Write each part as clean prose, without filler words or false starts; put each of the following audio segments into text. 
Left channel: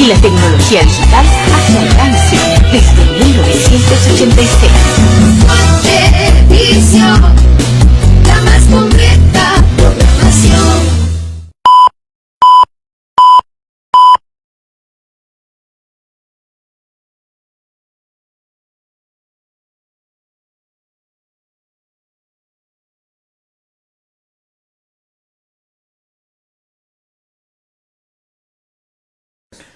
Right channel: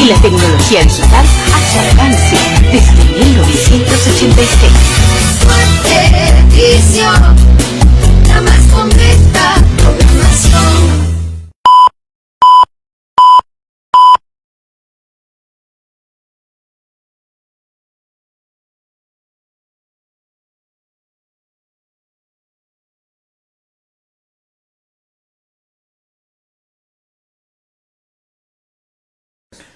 y la tecnología digital a su alcance desde 1986. Televisión, la más completa programación.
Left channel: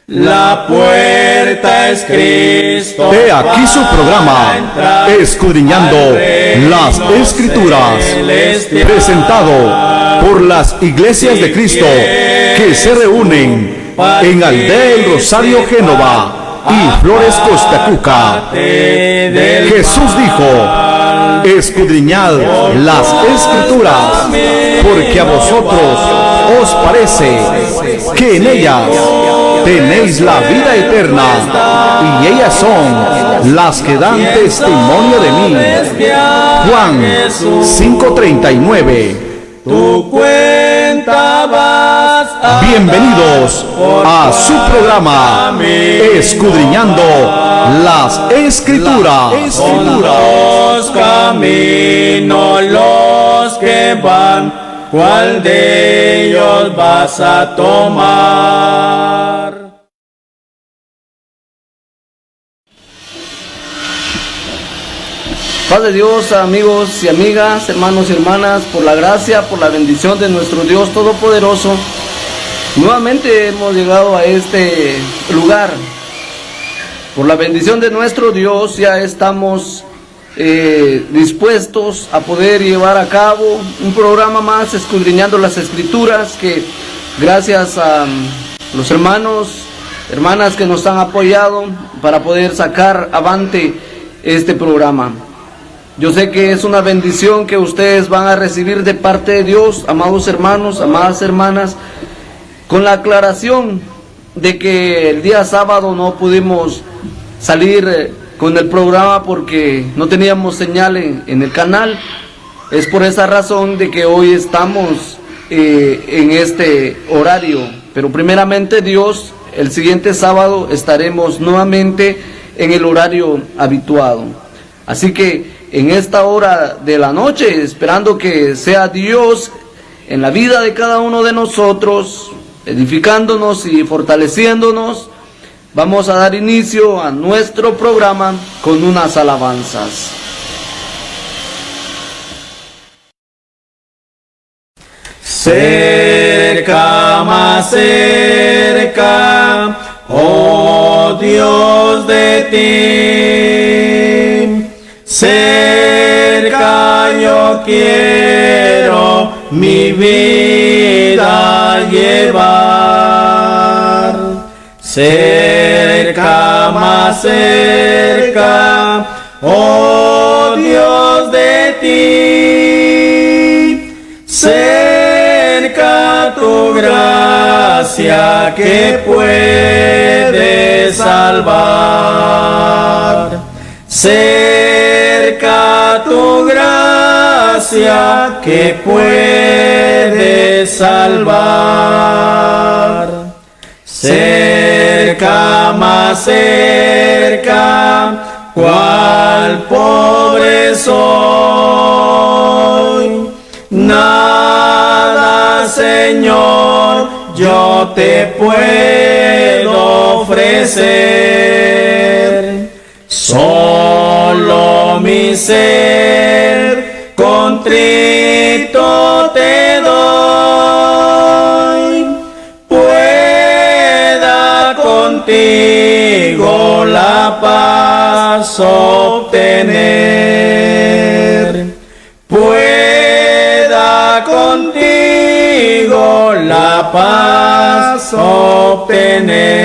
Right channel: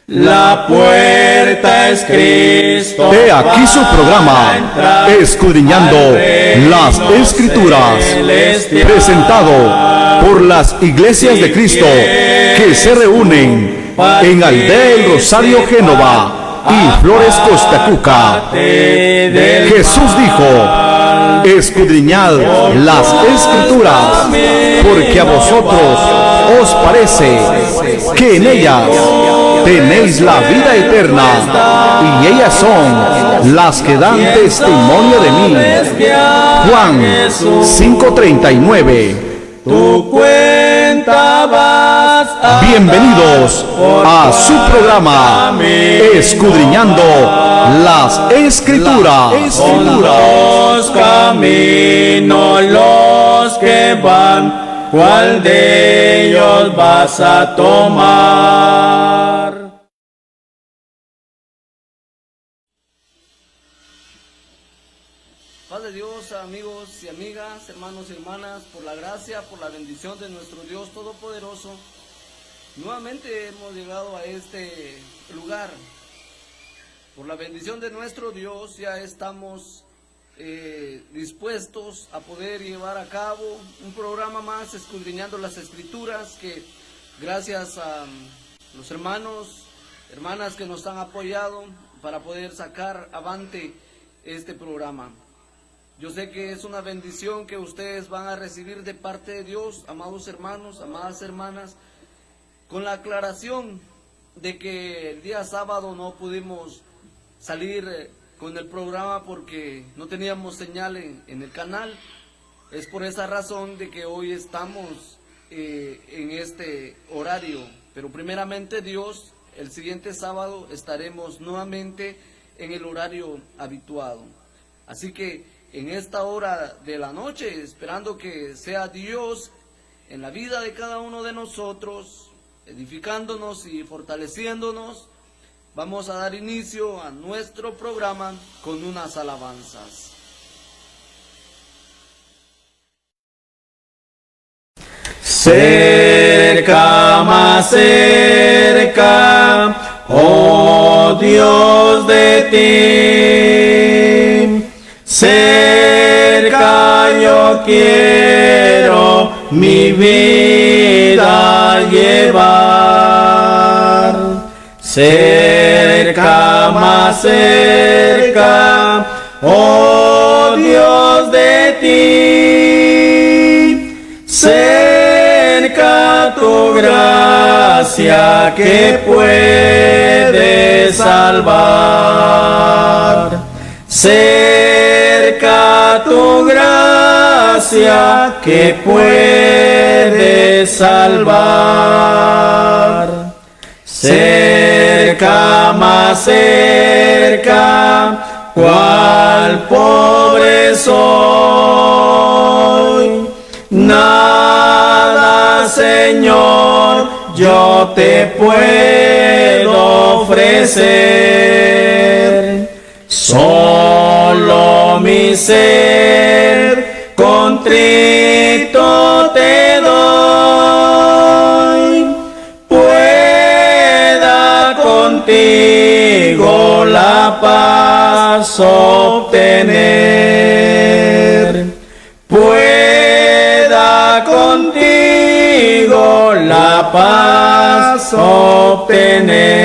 La puerta es Cristo. He aquí su programa, Escudriñando las Escrituras, presentado por las iglesias de Cristo que se reúnen en Aldea El Rosario, Génova y Flores, Costa Cuca. Jesús dijo: escudriñad las Escrituras, porque a vosotros os parece que en ellas tenéis la vida eterna, y ellas son las que dan testimonio de mí. Juan 5:39. Tu cuenta vas a Bienvenidos a su programa, Escudriñando las Escrituras. los caminos los que van, ¿cuál de ellos vas a tomar? Paz de Dios, amigos y amigas, hermanos y hermanas, por la gracia, por la bendición de nuestro Dios Todopoderoso. Nuevamente hemos llegado a este lugar. Por la bendición de nuestro Dios ya estamos dispuestos a poder llevar a cabo un programa más, escudriñando las Escrituras, que gracias a los hermanas que nos han apoyado para poder sacar avante este programa. Yo sé que es una bendición que ustedes van a recibir de parte de Dios, amados hermanos, amadas hermanas, con la aclaración de que el día sábado no pudimos salir con el programa porque no teníamos señal en el canal. Es por esa razón de que hoy estamos en este horario, pero primeramente Dios, el siguiente sábado estaremos nuevamente en el horario habituado. Así que en esta hora de la noche, esperando que sea Dios en la vida de cada uno de nosotros, edificándonos y fortaleciéndonos, vamos a dar inicio a nuestro programa con unas alabanzas. Cerca, más cerca, oh Dios de ti, cerca yo quiero mi vida llevar. Cerca, más cerca, oh Dios de ti, cerca tu gracia que puede salvar. Cerca tu gracia que puede salvar. Cerca, más cerca, cual pobre soy. Nada, Señor, yo te puedo ofrecer. Solo mi ser contrito te doy. Pueda contigo la paz obtener. Pueda contigo la paz obtener.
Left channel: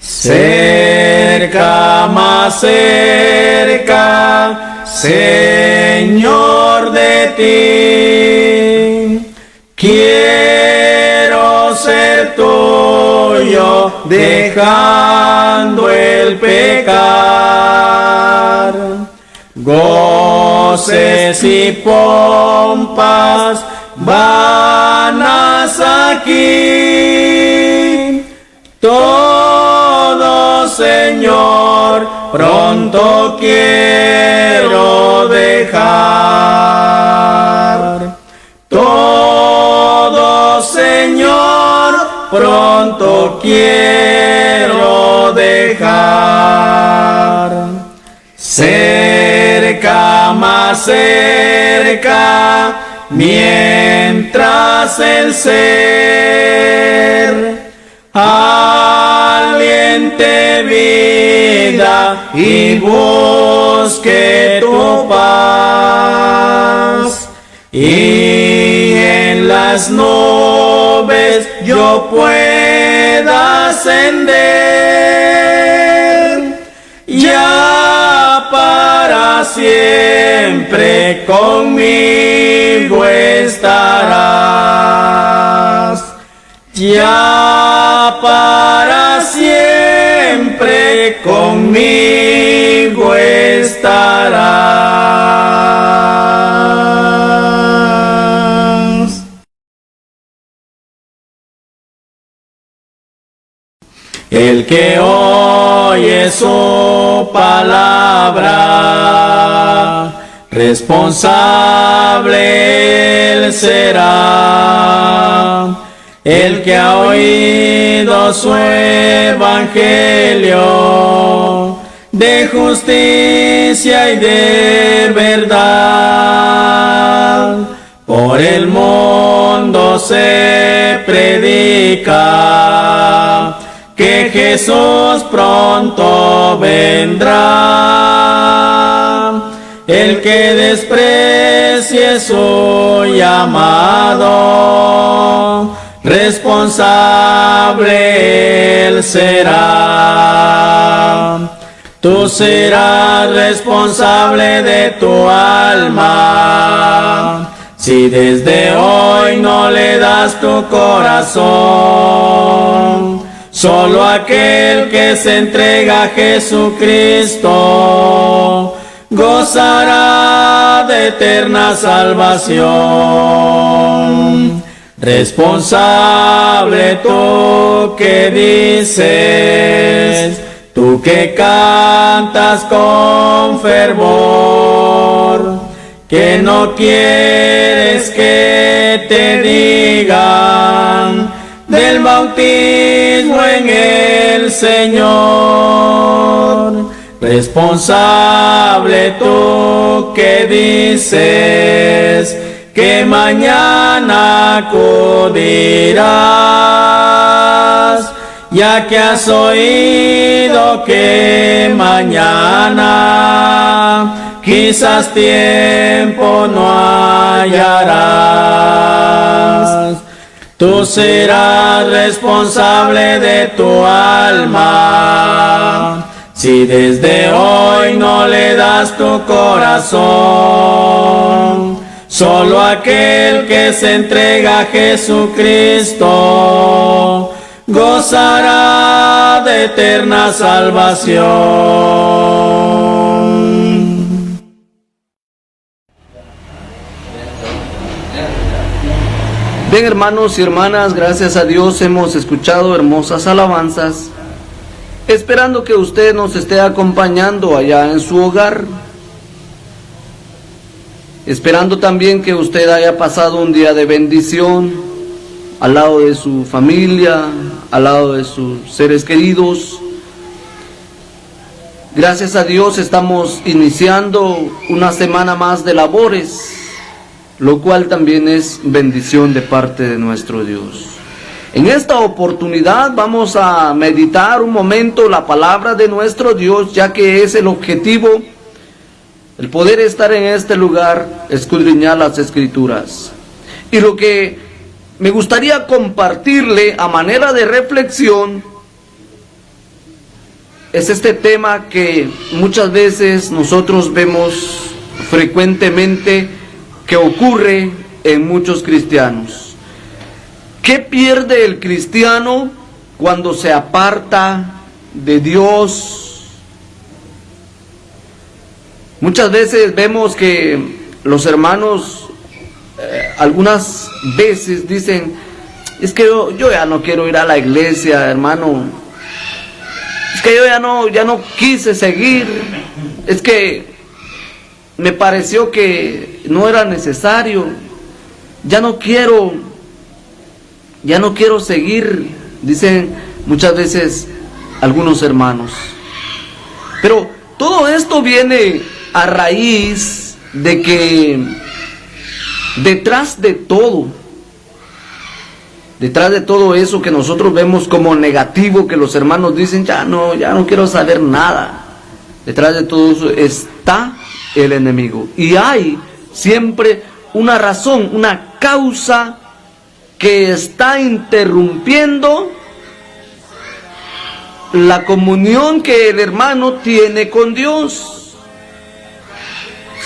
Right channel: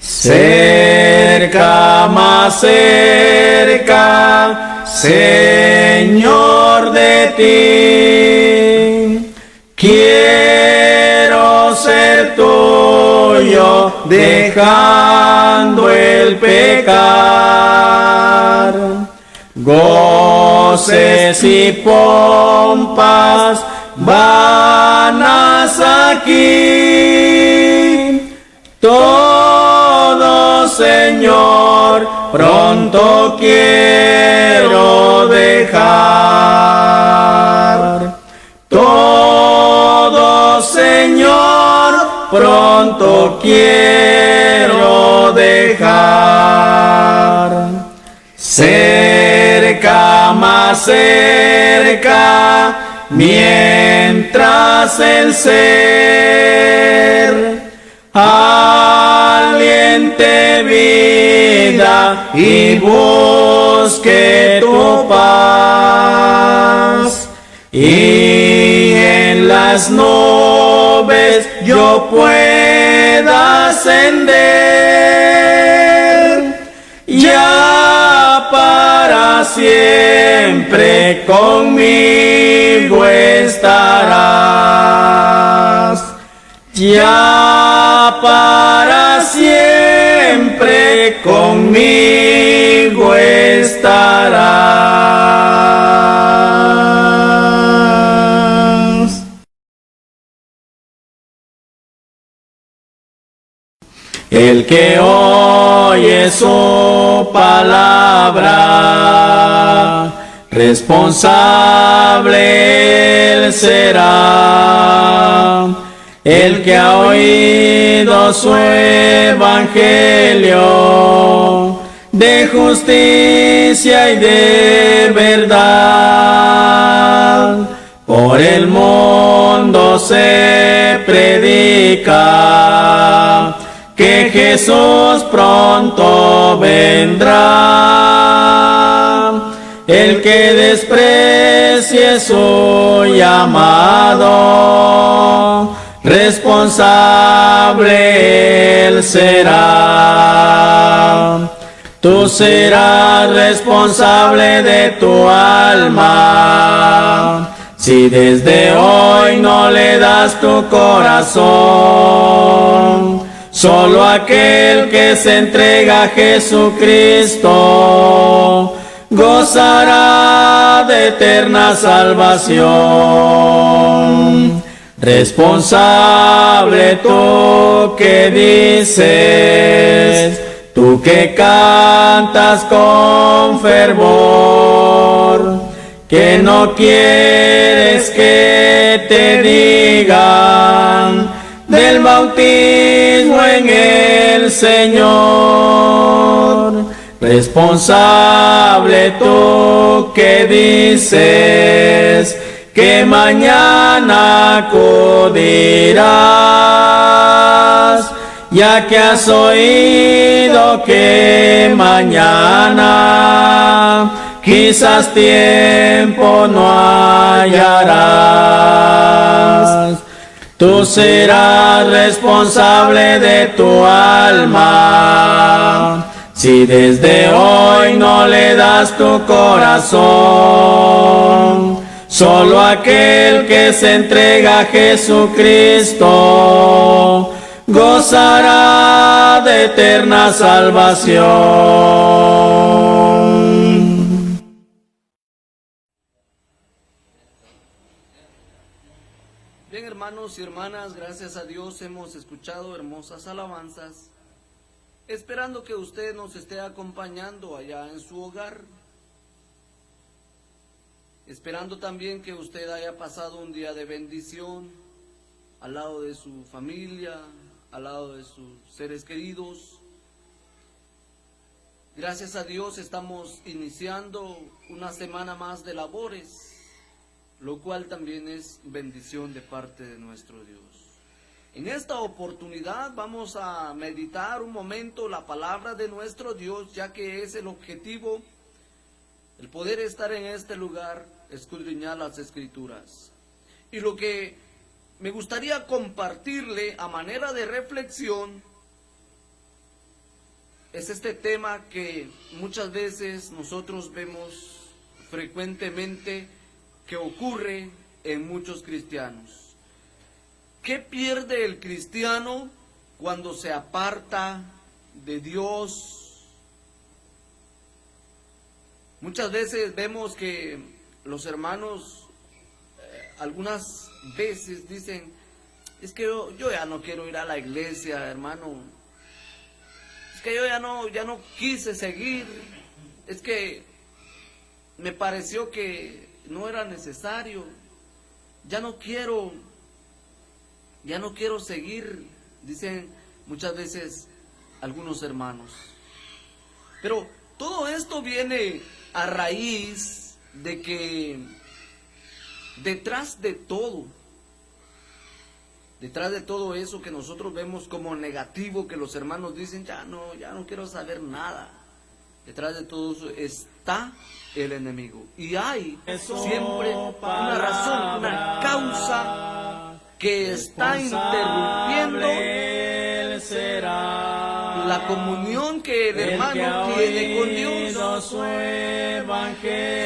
Cerca, más cerca, Señor de ti, quiero ser tuyo, dejando el pecar. Goces y pompas vanas aquí, pronto quiero dejar. Todo, Señor, pronto quiero dejar. Cerca, más cerca, mientras el ser aliente vida y busque tu paz, y en las nubes yo pueda ascender, ya para siempre conmigo estarás, ya para siempre conmigo estarás. El que oye su palabra, responsable él será. El que ha oído su evangelio, de justicia y de verdad, por el mundo se predica que Jesús pronto vendrá. El que desprecie su llamado, responsable él será. Tú serás responsable de tu alma, si desde hoy no le das tu corazón. Solo aquel que se entrega a Jesucristo gozará de eterna salvación. Responsable tú que dices, tú que cantas con fervor, que no quieres que te digan del bautismo en el Señor. Responsable tú que dices que mañana acudirás, ya que has oído que mañana quizás tiempo no hallarás. Tú serás responsable de tu alma, si desde hoy no le das tu corazón. Solo aquel que se entrega a Jesucristo gozará de eterna salvación. Bien, hermanos y hermanas, gracias a Dios hemos escuchado hermosas alabanzas, esperando que usted nos esté acompañando allá en su hogar, esperando también que usted haya pasado un día de bendición al lado de su familia, al lado de sus seres queridos. Gracias a Dios estamos iniciando una semana más de labores, lo cual también es bendición de parte de nuestro Dios. En esta oportunidad vamos a meditar un momento la palabra de nuestro Dios, ya que es el objetivo, el poder estar en este lugar, escudriñar las Escrituras. Y lo que me gustaría compartirle a manera de reflexión es este tema que muchas veces nosotros vemos frecuentemente que ocurre en muchos cristianos. ¿Qué pierde el cristiano cuando se aparta de Dios? Muchas veces vemos que los hermanos algunas veces dicen, es que yo ya no quiero ir a la iglesia, hermano. Es que yo ya no quise seguir. Es que me pareció que no era necesario. Ya no quiero seguir, dicen muchas veces algunos hermanos. Pero todo esto viene a raíz de que detrás de todo eso que nosotros vemos como negativo, que los hermanos dicen, ya no quiero saber nada. Detrás de todo eso está el enemigo. Y hay siempre una razón, una causa que está interrumpiendo la comunión que el hermano tiene con Dios.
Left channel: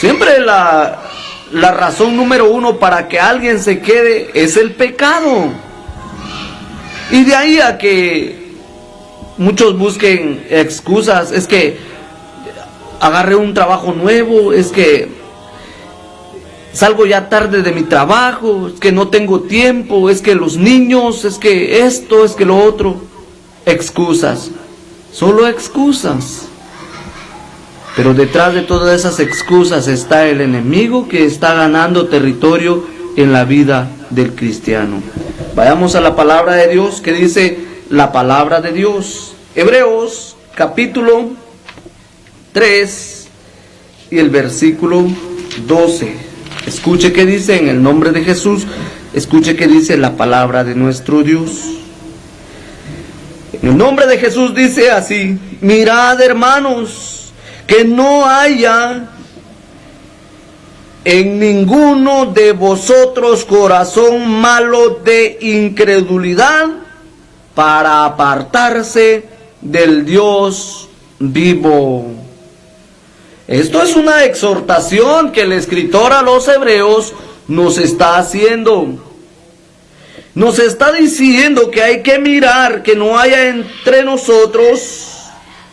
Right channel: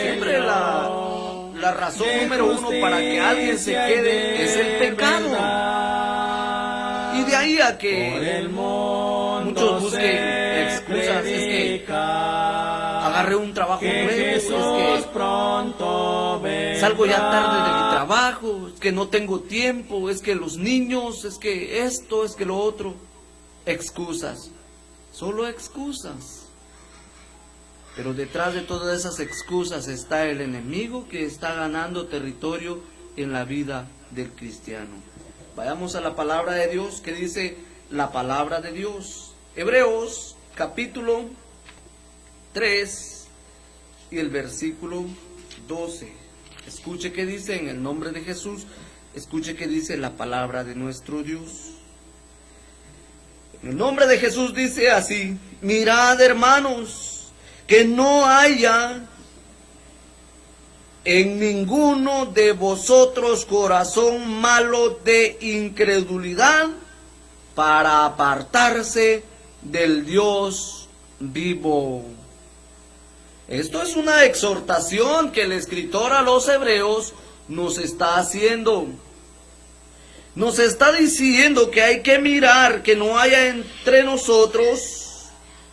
Siempre la razón número uno para que alguien se quede es el pecado. Y de ahí a que muchos busquen excusas, es que agarré un trabajo nuevo, es que salgo ya tarde de mi trabajo, es que no tengo tiempo, es que los niños, es que esto, es que lo otro. Excusas, solo excusas. Pero detrás de todas esas excusas está el enemigo que está ganando territorio en la vida del cristiano. Vayamos a la palabra de Dios, que dice la palabra de Dios. Hebreos capítulo 3 y el versículo 12. Escuche qué dice en el nombre de Jesús. Escuche qué dice la palabra de nuestro Dios. En el nombre de Jesús dice así: mirad, hermanos, que no haya en ninguno de vosotros corazón malo de incredulidad para apartarse del Dios vivo. Esto es una exhortación que el escritor a los hebreos nos está haciendo. Nos está diciendo que hay que mirar que no haya entre nosotros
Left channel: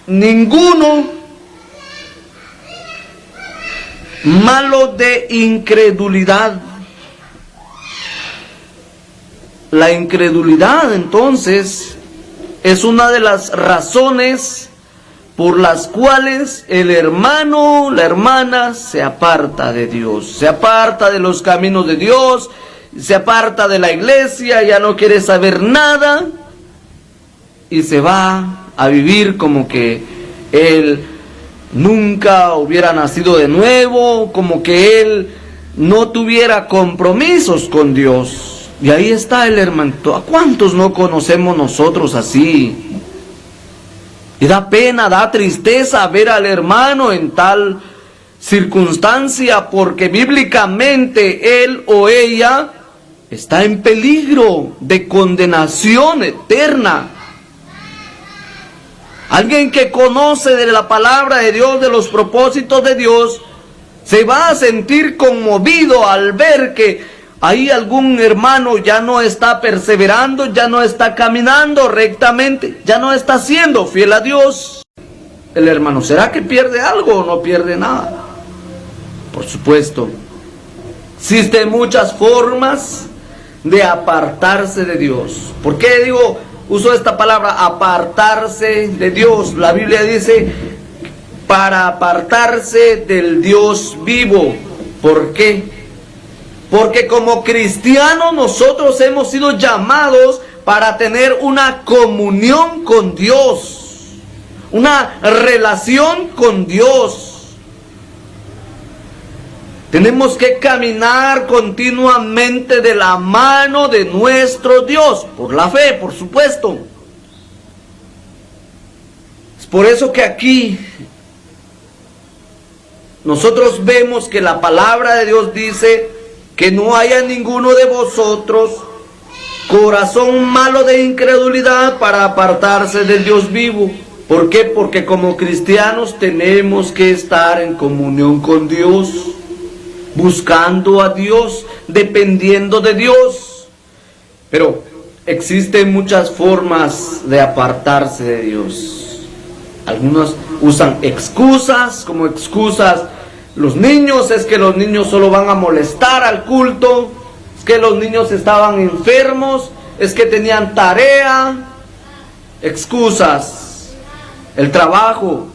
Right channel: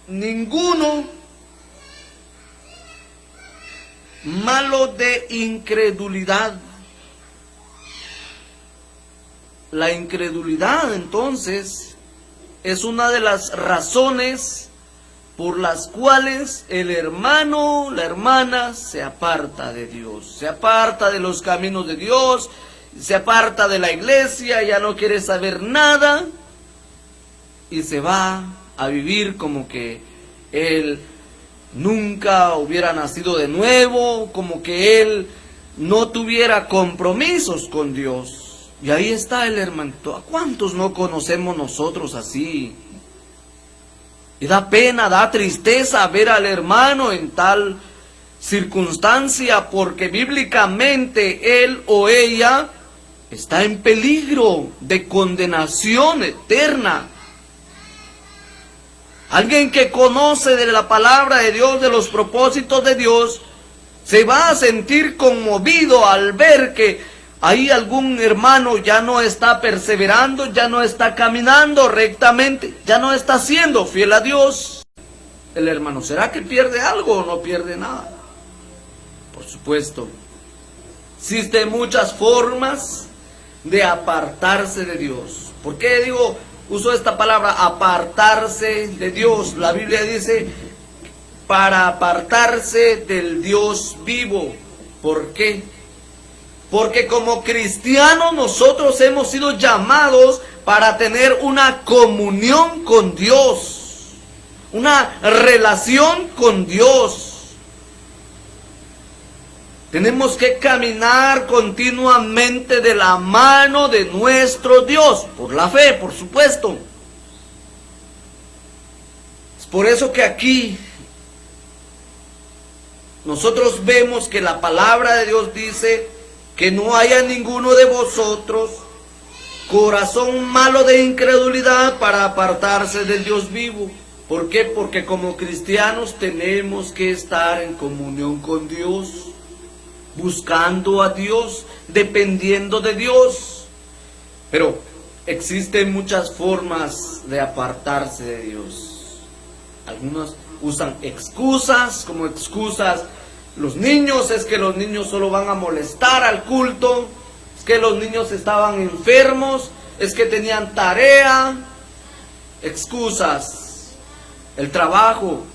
ninguno malo de incredulidad. La incredulidad, entonces, es una de las razones por las cuales el hermano, la hermana, se aparta de Dios, se aparta de los caminos de Dios, se aparta de la iglesia, ya no quiere saber nada y se va a vivir como que él nunca hubiera nacido de nuevo, como que él no tuviera compromisos con Dios. Y ahí está el hermanito. ¿A cuántos no conocemos nosotros así? Y da pena, da tristeza ver al hermano en tal circunstancia, porque bíblicamente él o ella está en peligro de condenación eterna. Alguien que conoce de la palabra de Dios, de los propósitos de Dios, se va a sentir conmovido al ver que ahí algún hermano ya no está perseverando, ya no está caminando rectamente, ya no está siendo fiel a Dios. El hermano, ¿será que pierde algo o no pierde nada? Por supuesto, existen muchas formas de apartarse de Dios. ¿Por qué uso esta palabra, apartarse de Dios? La Biblia dice, para apartarse del Dios vivo. ¿Por qué? Porque como cristianos nosotros hemos sido llamados para tener una comunión con Dios, una relación con Dios. Tenemos que caminar continuamente de la mano de nuestro Dios, por la fe, por supuesto. Es por eso que aquí nosotros vemos que la palabra de Dios dice que no haya ninguno de vosotros corazón malo de incredulidad para apartarse del Dios vivo. ¿Por qué? Porque como cristianos tenemos que estar en comunión con Dios, buscando a Dios, dependiendo de Dios. Pero existen muchas formas de apartarse de Dios. Algunos usan excusas, como excusas. Los niños, es que los niños solo van a molestar al culto, es que los niños estaban enfermos, es que tenían tarea. Excusas. El trabajo.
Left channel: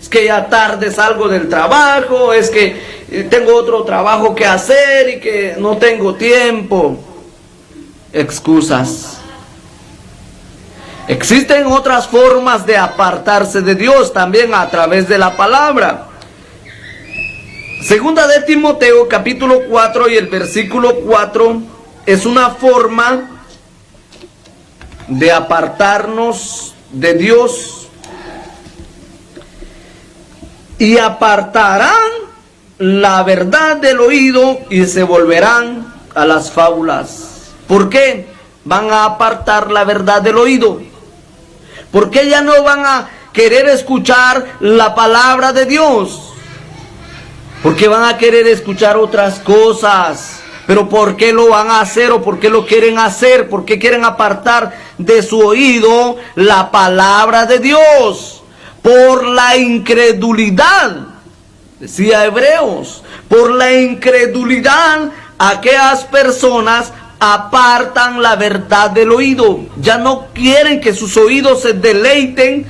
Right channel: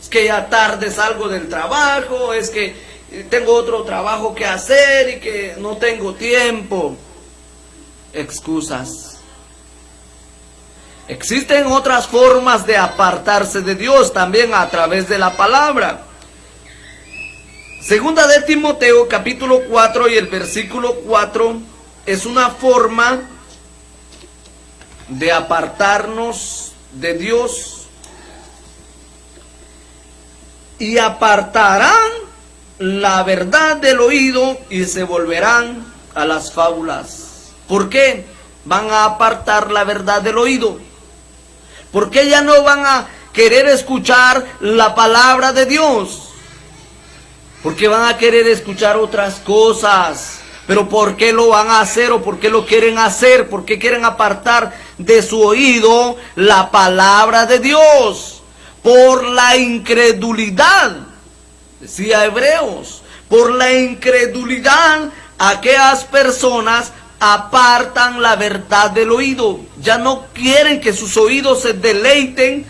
Es que ya tarde salgo del trabajo, es que tengo otro trabajo que hacer y que no tengo tiempo. Excusas. Existen otras formas de apartarse de Dios también a través de la palabra. Segunda de Timoteo, capítulo 4 y el versículo 4, es una forma de apartarnos de Dios. Y apartarán la verdad del oído y se volverán a las fábulas. ¿Por qué van a apartar la verdad del oído? ¿Por qué ya no van a querer escuchar la palabra de Dios? ¿Por qué van a querer escuchar otras cosas? ¿Pero por qué lo van a hacer o por qué lo quieren hacer? ¿Por qué quieren apartar de su oído la palabra de Dios? Por la incredulidad, decía Hebreos, por la incredulidad aquellas personas apartan la verdad del oído. Ya no quieren que sus oídos se deleiten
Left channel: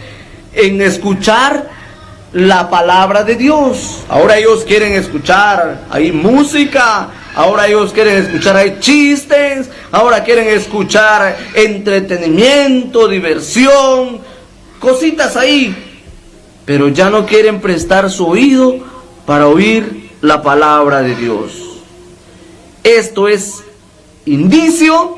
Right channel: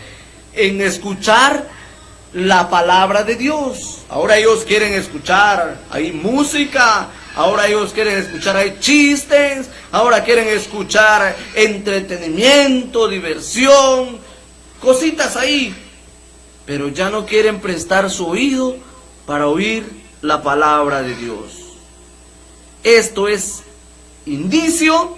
en escuchar la palabra de Dios. Ahora ellos quieren escuchar ahí música, ahora ellos quieren escuchar ahí chistes, ahora quieren escuchar entretenimiento, diversión, cositas ahí, pero ya no quieren prestar su oído para oír la palabra de Dios. Esto es indicio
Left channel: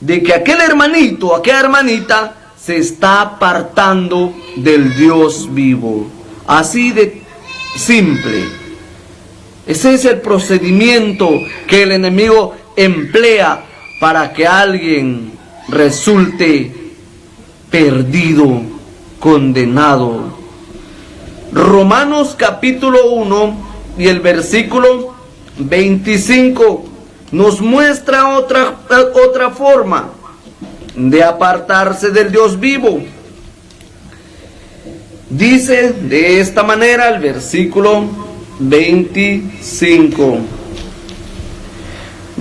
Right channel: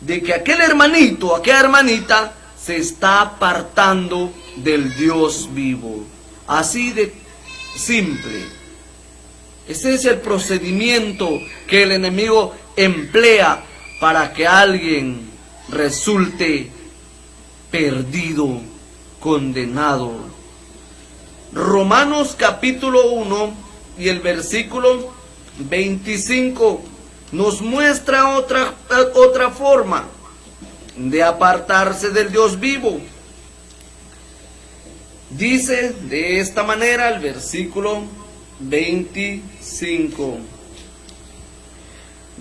de que aquel hermanito, aquella hermanita se está apartando del Dios vivo. Así de simple. Ese es el procedimiento que el enemigo emplea para que alguien resulte perdido, condenado. Romanos capítulo 1 y el versículo 25 nos muestra otra forma de apartarse del Dios vivo. Dice de esta manera el versículo 25:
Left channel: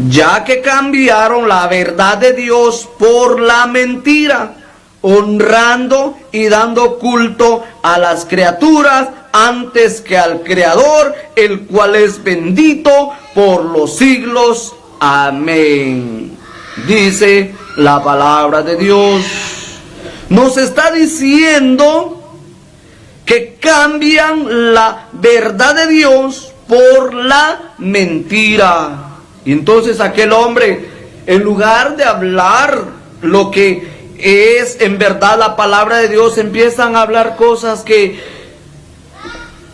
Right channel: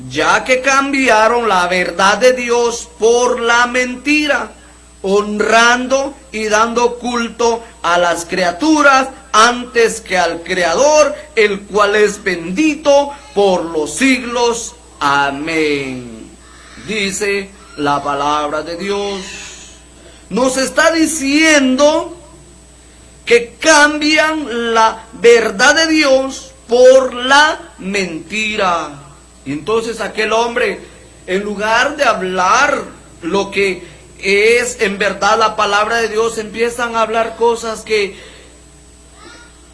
ya que cambiaron la verdad de Dios por la mentira, honrando y dando culto a las criaturas antes que al Creador, el cual es bendito por los siglos. Amén. Dice la palabra de Dios. Nos está diciendo que cambian la verdad de Dios por la mentira. Y entonces aquel hombre, en lugar de hablar lo que es en verdad la palabra de Dios, empiezan a hablar cosas que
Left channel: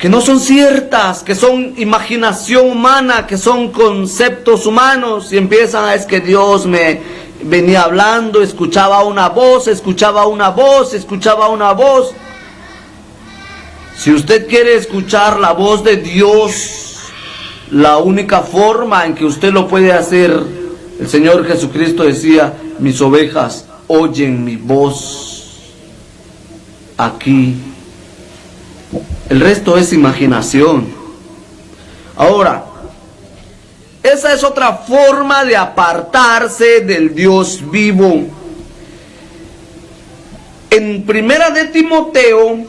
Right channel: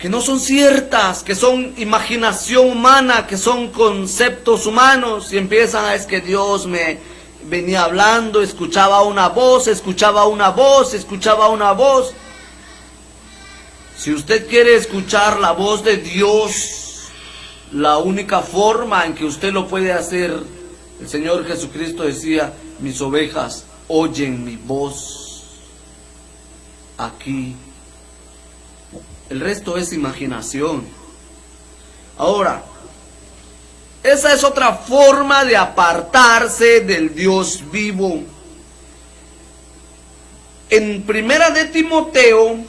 no son ciertas, que son imaginación humana, que son conceptos humanos, y empiezan a, es que Dios me venía hablando, escuchaba una voz, escuchaba una voz, escuchaba una voz. Si usted quiere escuchar la voz de Dios, la única forma en que usted lo puede hacer, el Señor Jesucristo decía: mis ovejas oyen mi voz. Aquí. El resto es imaginación. Ahora, esa es otra forma de apartarse del Dios vivo. En Primera de Timoteo,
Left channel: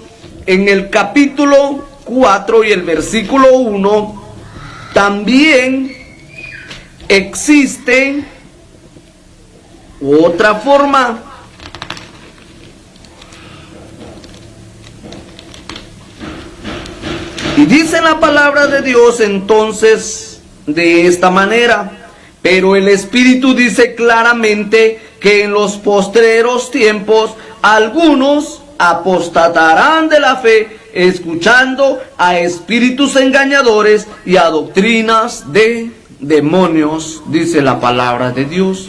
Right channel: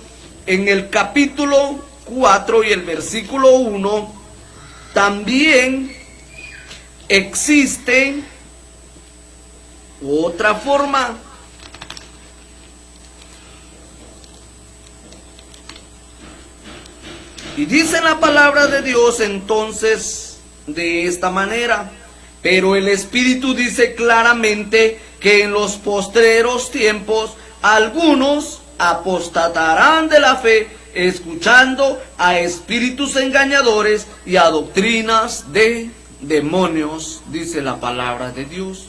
en el capítulo 4 y el versículo 1, también existe otra forma. Y dice la palabra de Dios entonces de esta manera: pero el Espíritu dice claramente que en los postreros tiempos algunos apostatarán de la fe, escuchando a espíritus engañadores y a doctrinas de demonios, dice la palabra de Dios.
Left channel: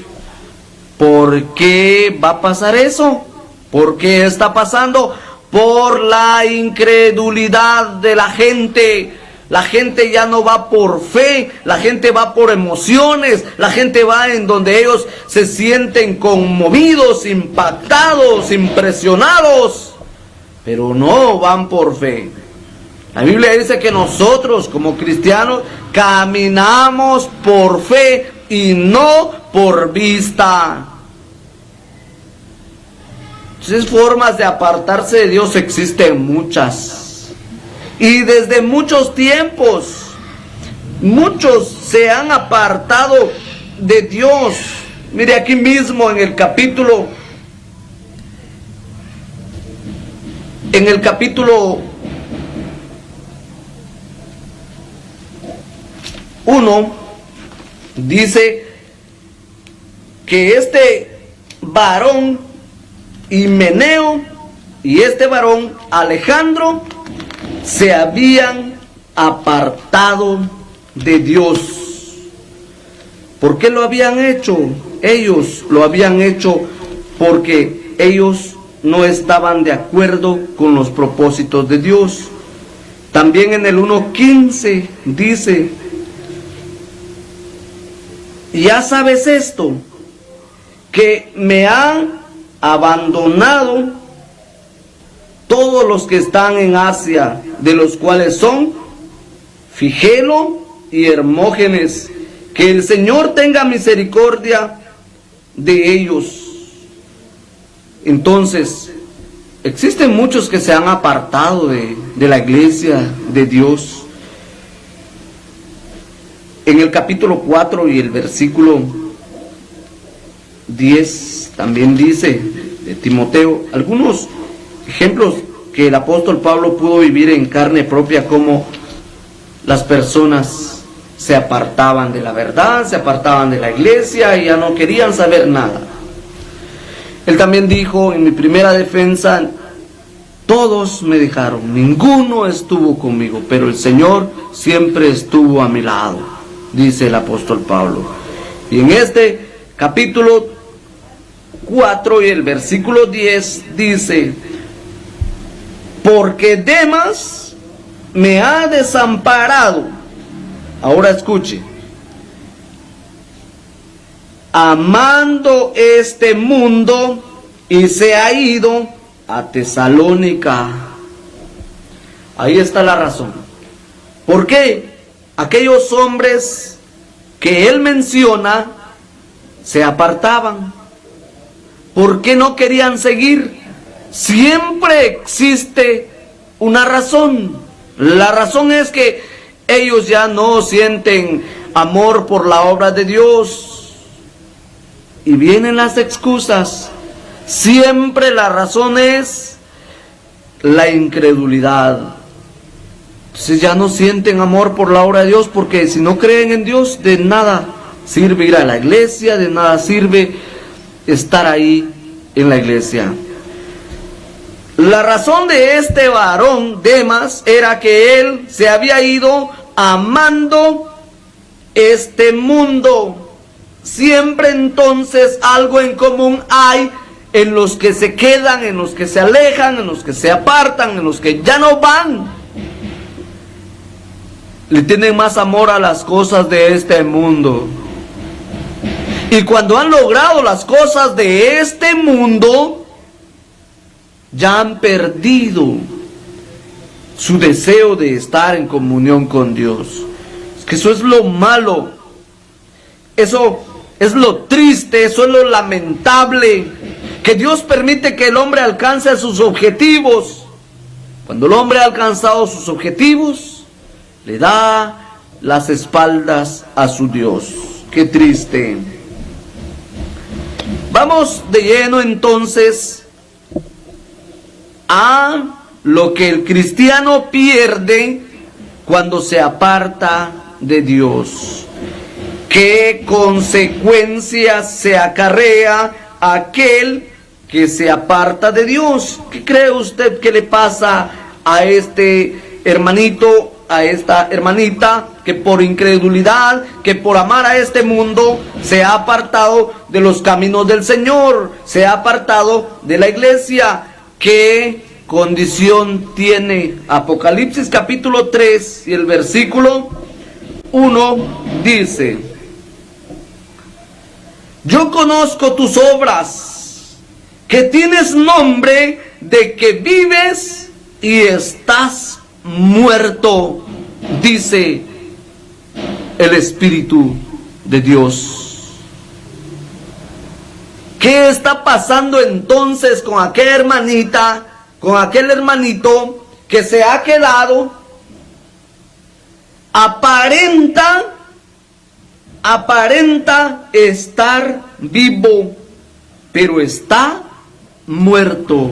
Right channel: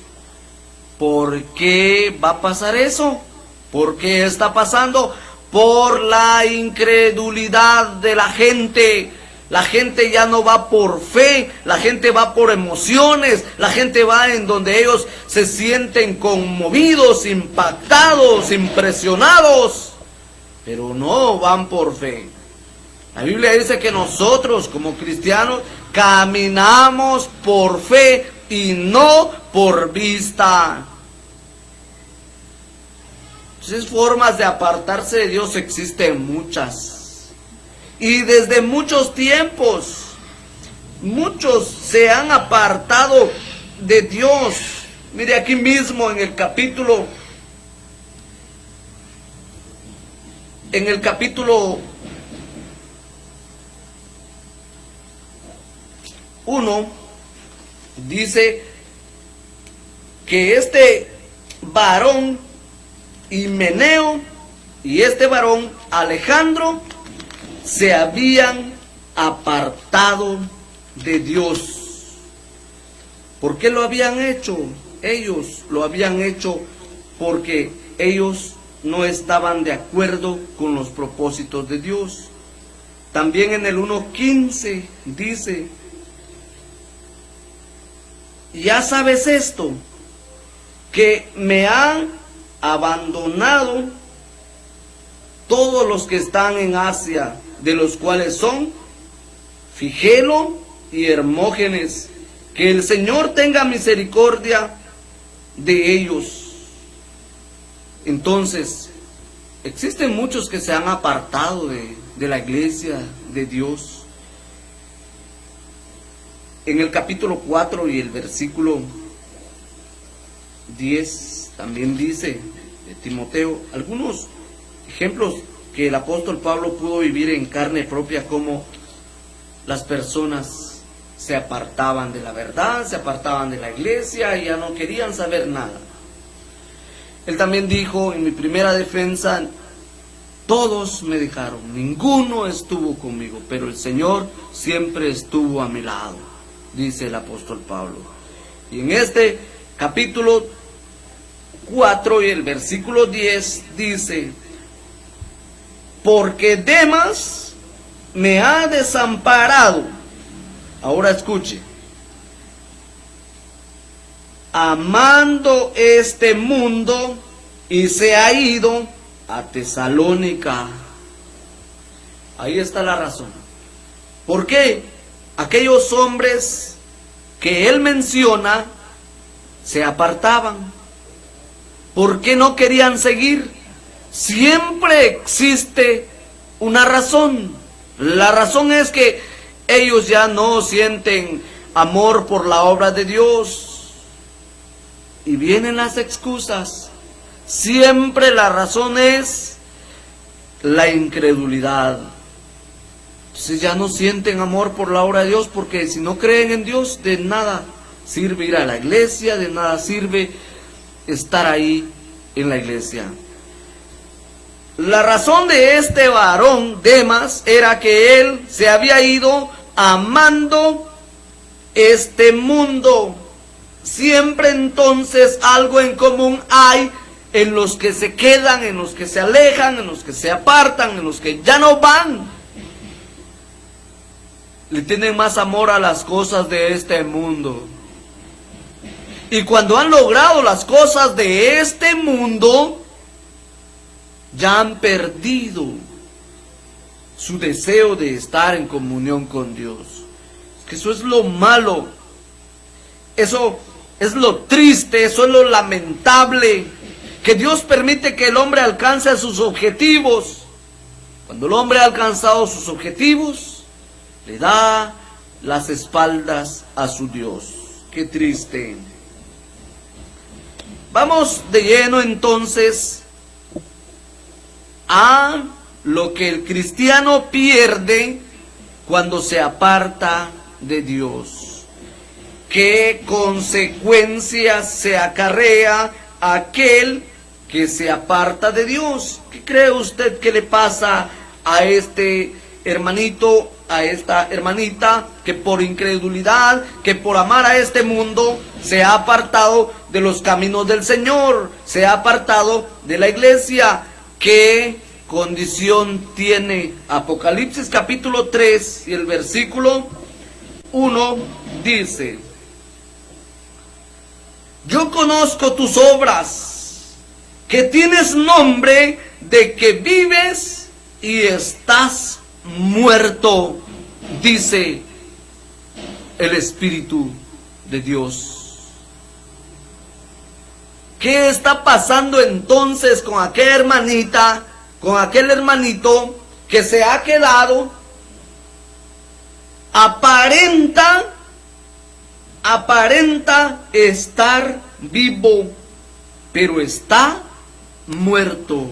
¿Por qué va a pasar eso? ¿Por qué está pasando? Por la incredulidad de la gente. La gente ya no va por fe, la gente va por emociones, la gente va en donde ellos se sienten conmovidos, impactados, impresionados, pero no van por fe. La Biblia dice que nosotros como cristianos caminamos por fe y no por vista. Entonces, formas de apartarse de Dios existen muchas. Y desde muchos tiempos, muchos se han apartado de Dios. Mire aquí mismo en el capítulo 1 dice que este varón Himeneo y este varón Alejandro se habían apartado de Dios. ¿Por qué lo habían hecho? Ellos lo habían hecho porque ellos no estaban de acuerdo con los propósitos de Dios. También en el 1:15 dice: ya sabes esto, que me han abandonado todos los que están en Asia, de los cuales son Figelo y Hermógenes. Que el Señor tenga misericordia de ellos. Entonces, existen muchos que se han apartado de la iglesia de Dios. En el capítulo 4 y el versículo 10 también dice de Timoteo algunos ejemplos que el apóstol Pablo pudo vivir en carne propia, como las personas se apartaban de la verdad, se apartaban de la iglesia y ya no querían saber nada. Él también dijo en mi primera defensa: todos me dejaron, ninguno estuvo conmigo, pero el Señor siempre estuvo a mi lado, dice el apóstol Pablo. Y en este capítulo 4 y el versículo 10 dice: porque Demas me ha desamparado. Ahora escuche: amando este mundo, y se ha ido a Tesalónica. Ahí está la razón. ¿Por qué aquellos hombres que él menciona se apartaban? ¿Por qué no querían seguir? Siempre existe una razón. La razón es que ellos ya no sienten amor por la obra de Dios. Y vienen las excusas. Siempre la razón es la incredulidad. Entonces ya no sienten amor por la obra de Dios, porque si no creen en Dios, de nada sirve ir a la iglesia, de nada sirve estar ahí en la iglesia. La razón de este varón Demas era que él se había ido amando este mundo. Siempre entonces algo en común hay en los que se quedan, en los que se alejan, en los que se apartan, en los que ya no van. Le tienen más amor a las cosas de este mundo. Y cuando han logrado las cosas de este mundo, ya han perdido su deseo de estar en comunión con Dios. Es que eso es lo malo, eso es lo triste, eso es lo lamentable, que Dios permite que el hombre alcance sus objetivos. Cuando el hombre ha alcanzado sus objetivos, le da las espaldas a su Dios. Qué triste. Vamos de lleno entonces a lo que el cristiano pierde cuando se aparta de Dios. ¿Qué consecuencias se acarrea a aquel que se aparta de Dios? ¿Qué cree usted que le pasa a este hermanito, a esta hermanita, que por incredulidad, que por amar a este mundo, se ha apartado de los caminos del Señor, se ha apartado de la iglesia? ¿Qué condición tiene? Apocalipsis capítulo 3 y el versículo 1 dice: yo conozco tus obras, que tienes nombre de que vives y estás muerto, dice el Espíritu de Dios. ¿Qué está pasando pasando entonces con aquella hermanita, con aquel hermanito que se ha quedado? Aparenta estar vivo, pero está muerto.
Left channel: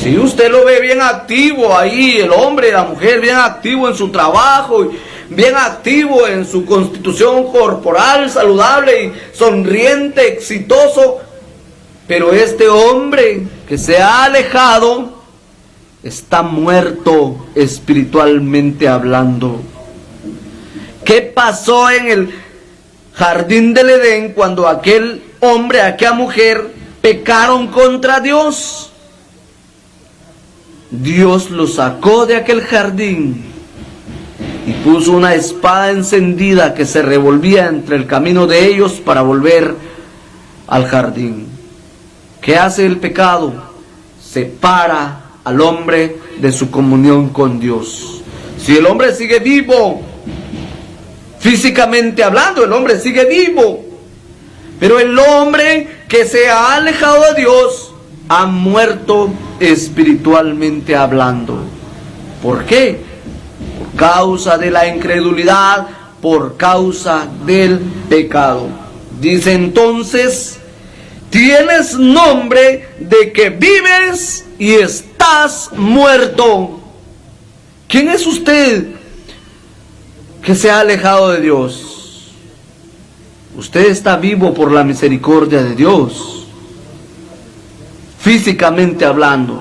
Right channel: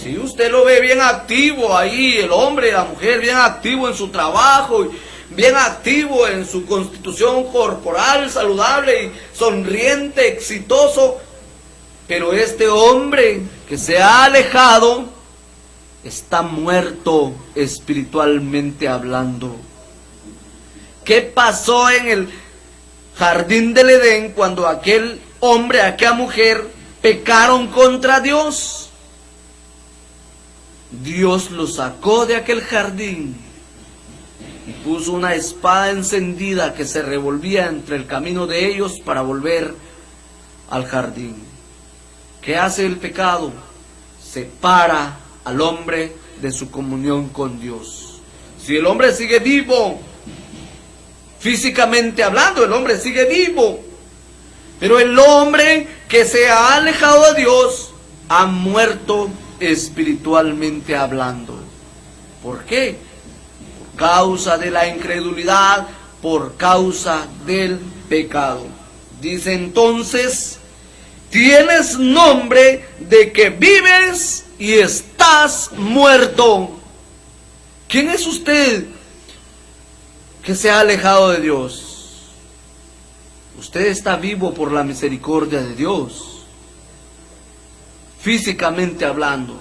Si usted lo ve bien activo ahí, el hombre y la mujer bien activo en su trabajo, bien activo en su constitución corporal, saludable y sonriente, exitoso, pero este hombre que se ha alejado está muerto espiritualmente hablando. ¿Qué pasó en el jardín del Edén cuando aquel hombre, aquella mujer pecaron contra Dios? Dios los sacó de aquel jardín y puso una espada encendida que se revolvía entre el camino de ellos para volver al jardín. ¿Qué hace el pecado? Separa al hombre de su comunión con Dios. Si el hombre sigue vivo, físicamente hablando, el hombre sigue vivo, pero el hombre que se ha alejado de Dios ha muerto espiritualmente hablando. ¿Por qué? Por causa de la incredulidad, por causa del pecado. Dice entonces: tienes nombre de que vives y estás muerto. ¿Quién es usted que se ha alejado de Dios? Usted está vivo por la misericordia de Dios, físicamente hablando,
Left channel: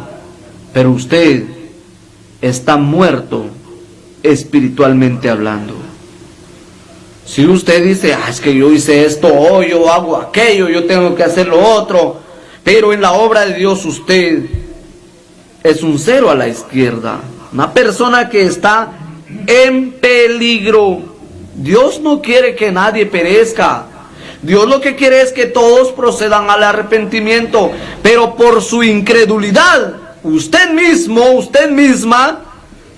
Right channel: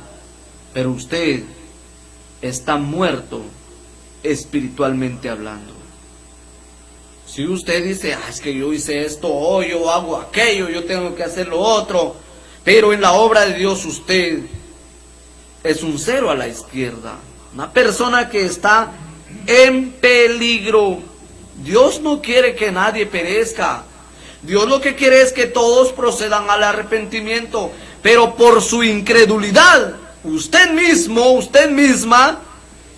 pero usted está muerto espiritualmente hablando. Si usted dice: es que yo hice esto, o yo hago aquello, yo tengo que hacer lo otro, pero en la obra de Dios usted es un cero a la izquierda, una persona que está en peligro. Dios no quiere que nadie perezca. Dios lo que quiere es que todos procedan al arrepentimiento, pero por su incredulidad, usted mismo, usted misma,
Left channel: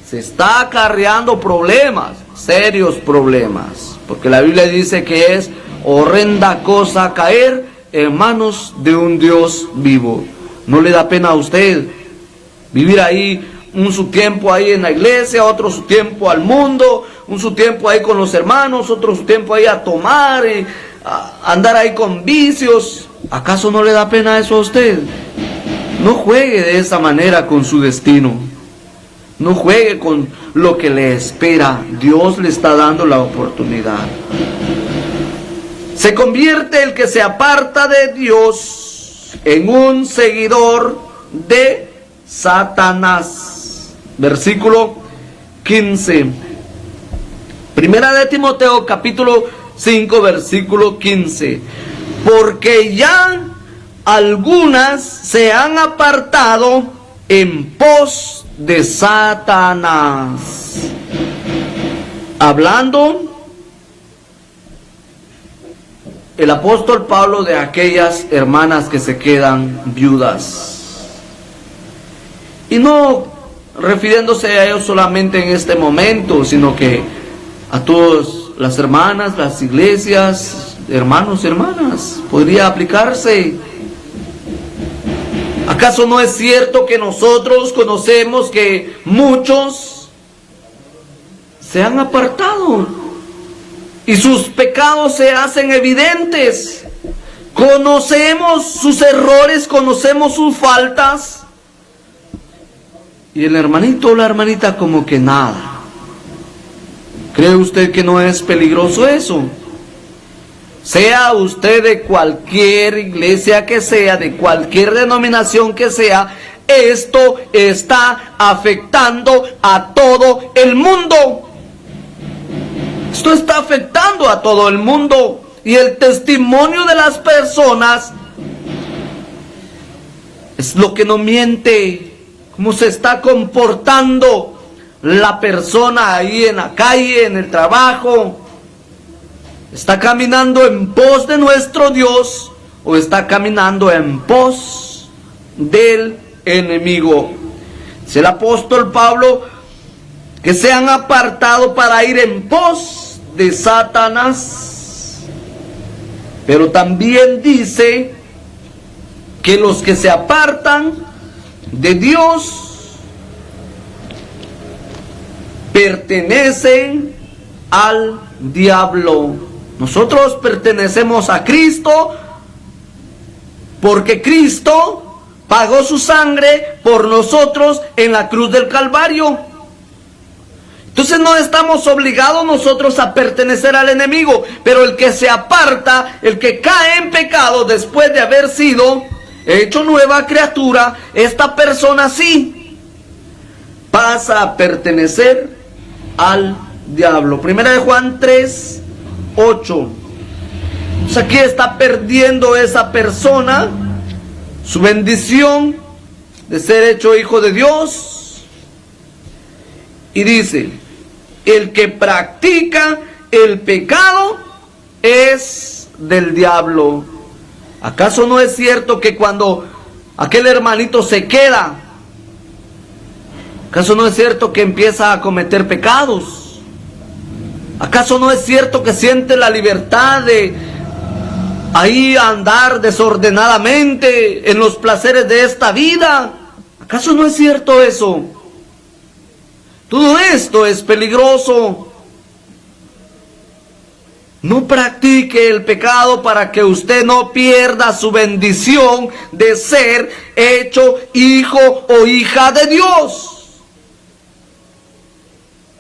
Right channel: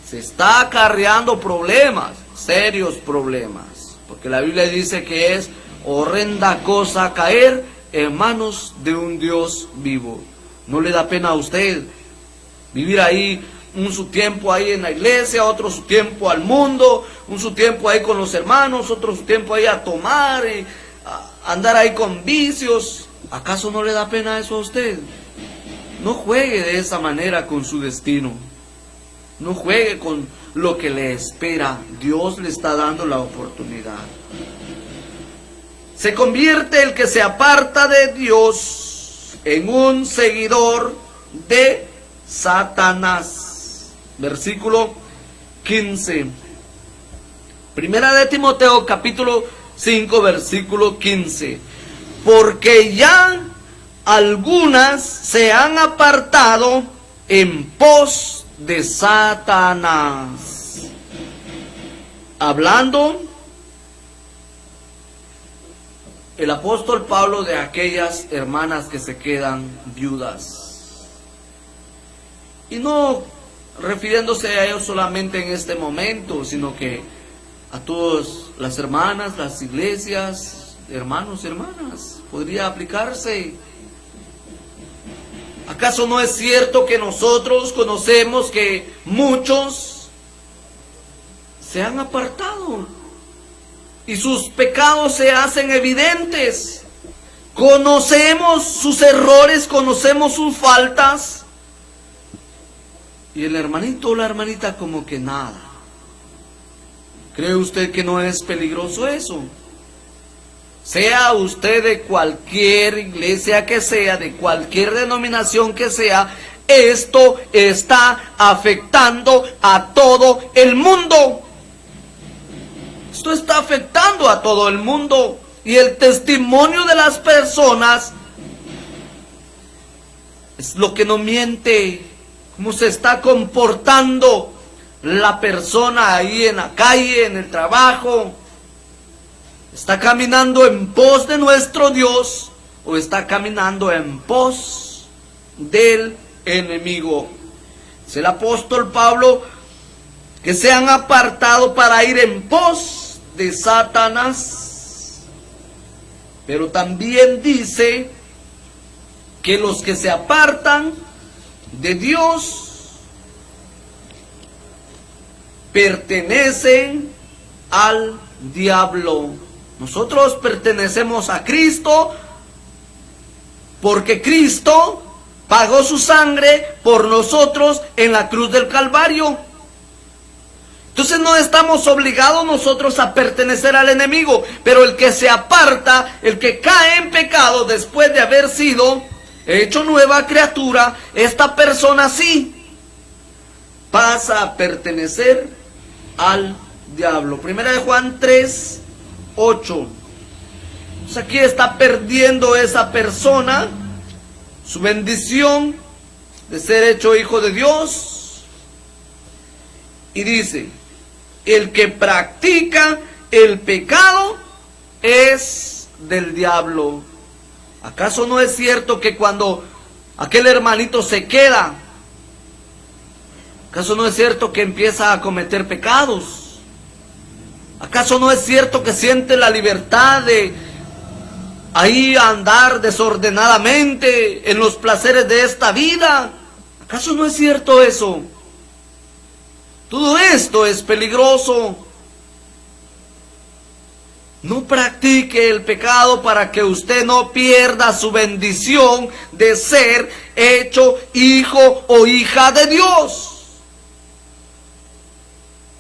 se está acarreando problemas, serios problemas, porque la Biblia dice que es horrenda cosa caer en manos de un Dios vivo. ¿No le da pena a usted vivir ahí su tiempo ahí en la iglesia, otro su tiempo al mundo, su tiempo ahí con los hermanos, otro su tiempo ahí a tomar y a andar ahí con vicios? ¿Acaso no le da pena eso a usted? No juegue de esa manera con su destino. No juegue con lo que le espera. Dios le está dando la oportunidad. Se convierte el que se aparta de Dios en un seguidor de Satanás. Versículo 15. Primera de Timoteo, capítulo 5, versículo 15. Porque ya algunas se han apartado en pos de Satanás. Hablando el apóstol Pablo de aquellas hermanas que se quedan viudas. Y no refiriéndose a ellos solamente en este momento, sino que a todas las hermanas, las iglesias, hermanos y hermanas, podría aplicarse. ¿Acaso no es cierto que nosotros conocemos que muchos se han apartado y sus pecados se hacen evidentes? Conocemos sus errores, conocemos sus faltas, y el hermanito o la hermanita como que nada. ¿Cree usted que no es peligroso eso? Sea usted de cualquier iglesia que sea, de cualquier denominación que sea, esto está afectando a todo el mundo. Esto está afectando a todo el mundo. Y el testimonio de las personas es lo que no miente. Cómo se está comportando la persona ahí en la calle, en el trabajo. ¿Está caminando en pos de nuestro Dios o está caminando en pos del enemigo? Dice el apóstol Pablo que se han apartado para ir en pos de Satanás. Pero también dice que los que se apartan de Dios pertenecen al diablo. Nosotros pertenecemos a Cristo porque Cristo pagó su sangre por nosotros en la cruz del Calvario. Entonces no estamos obligados nosotros a pertenecer al enemigo, pero el que se aparta, el que cae en pecado después de haber sido hecho nueva criatura, esta persona sí pasa a pertenecer al diablo. Primera de Juan 3, 8. O sea, aquí está perdiendo esa persona su bendición de ser hecho hijo de Dios. Y dice, el que practica el pecado es del diablo. ¿Acaso no es cierto que cuando aquel hermanito se queda, acaso no es cierto que empieza a cometer pecados? ¿Acaso no es cierto que siente la libertad de ahí andar desordenadamente en los placeres de esta vida? ¿Acaso no es cierto eso? Todo esto es peligroso. No practique el pecado para que usted no pierda su bendición de ser hecho hijo o hija de Dios.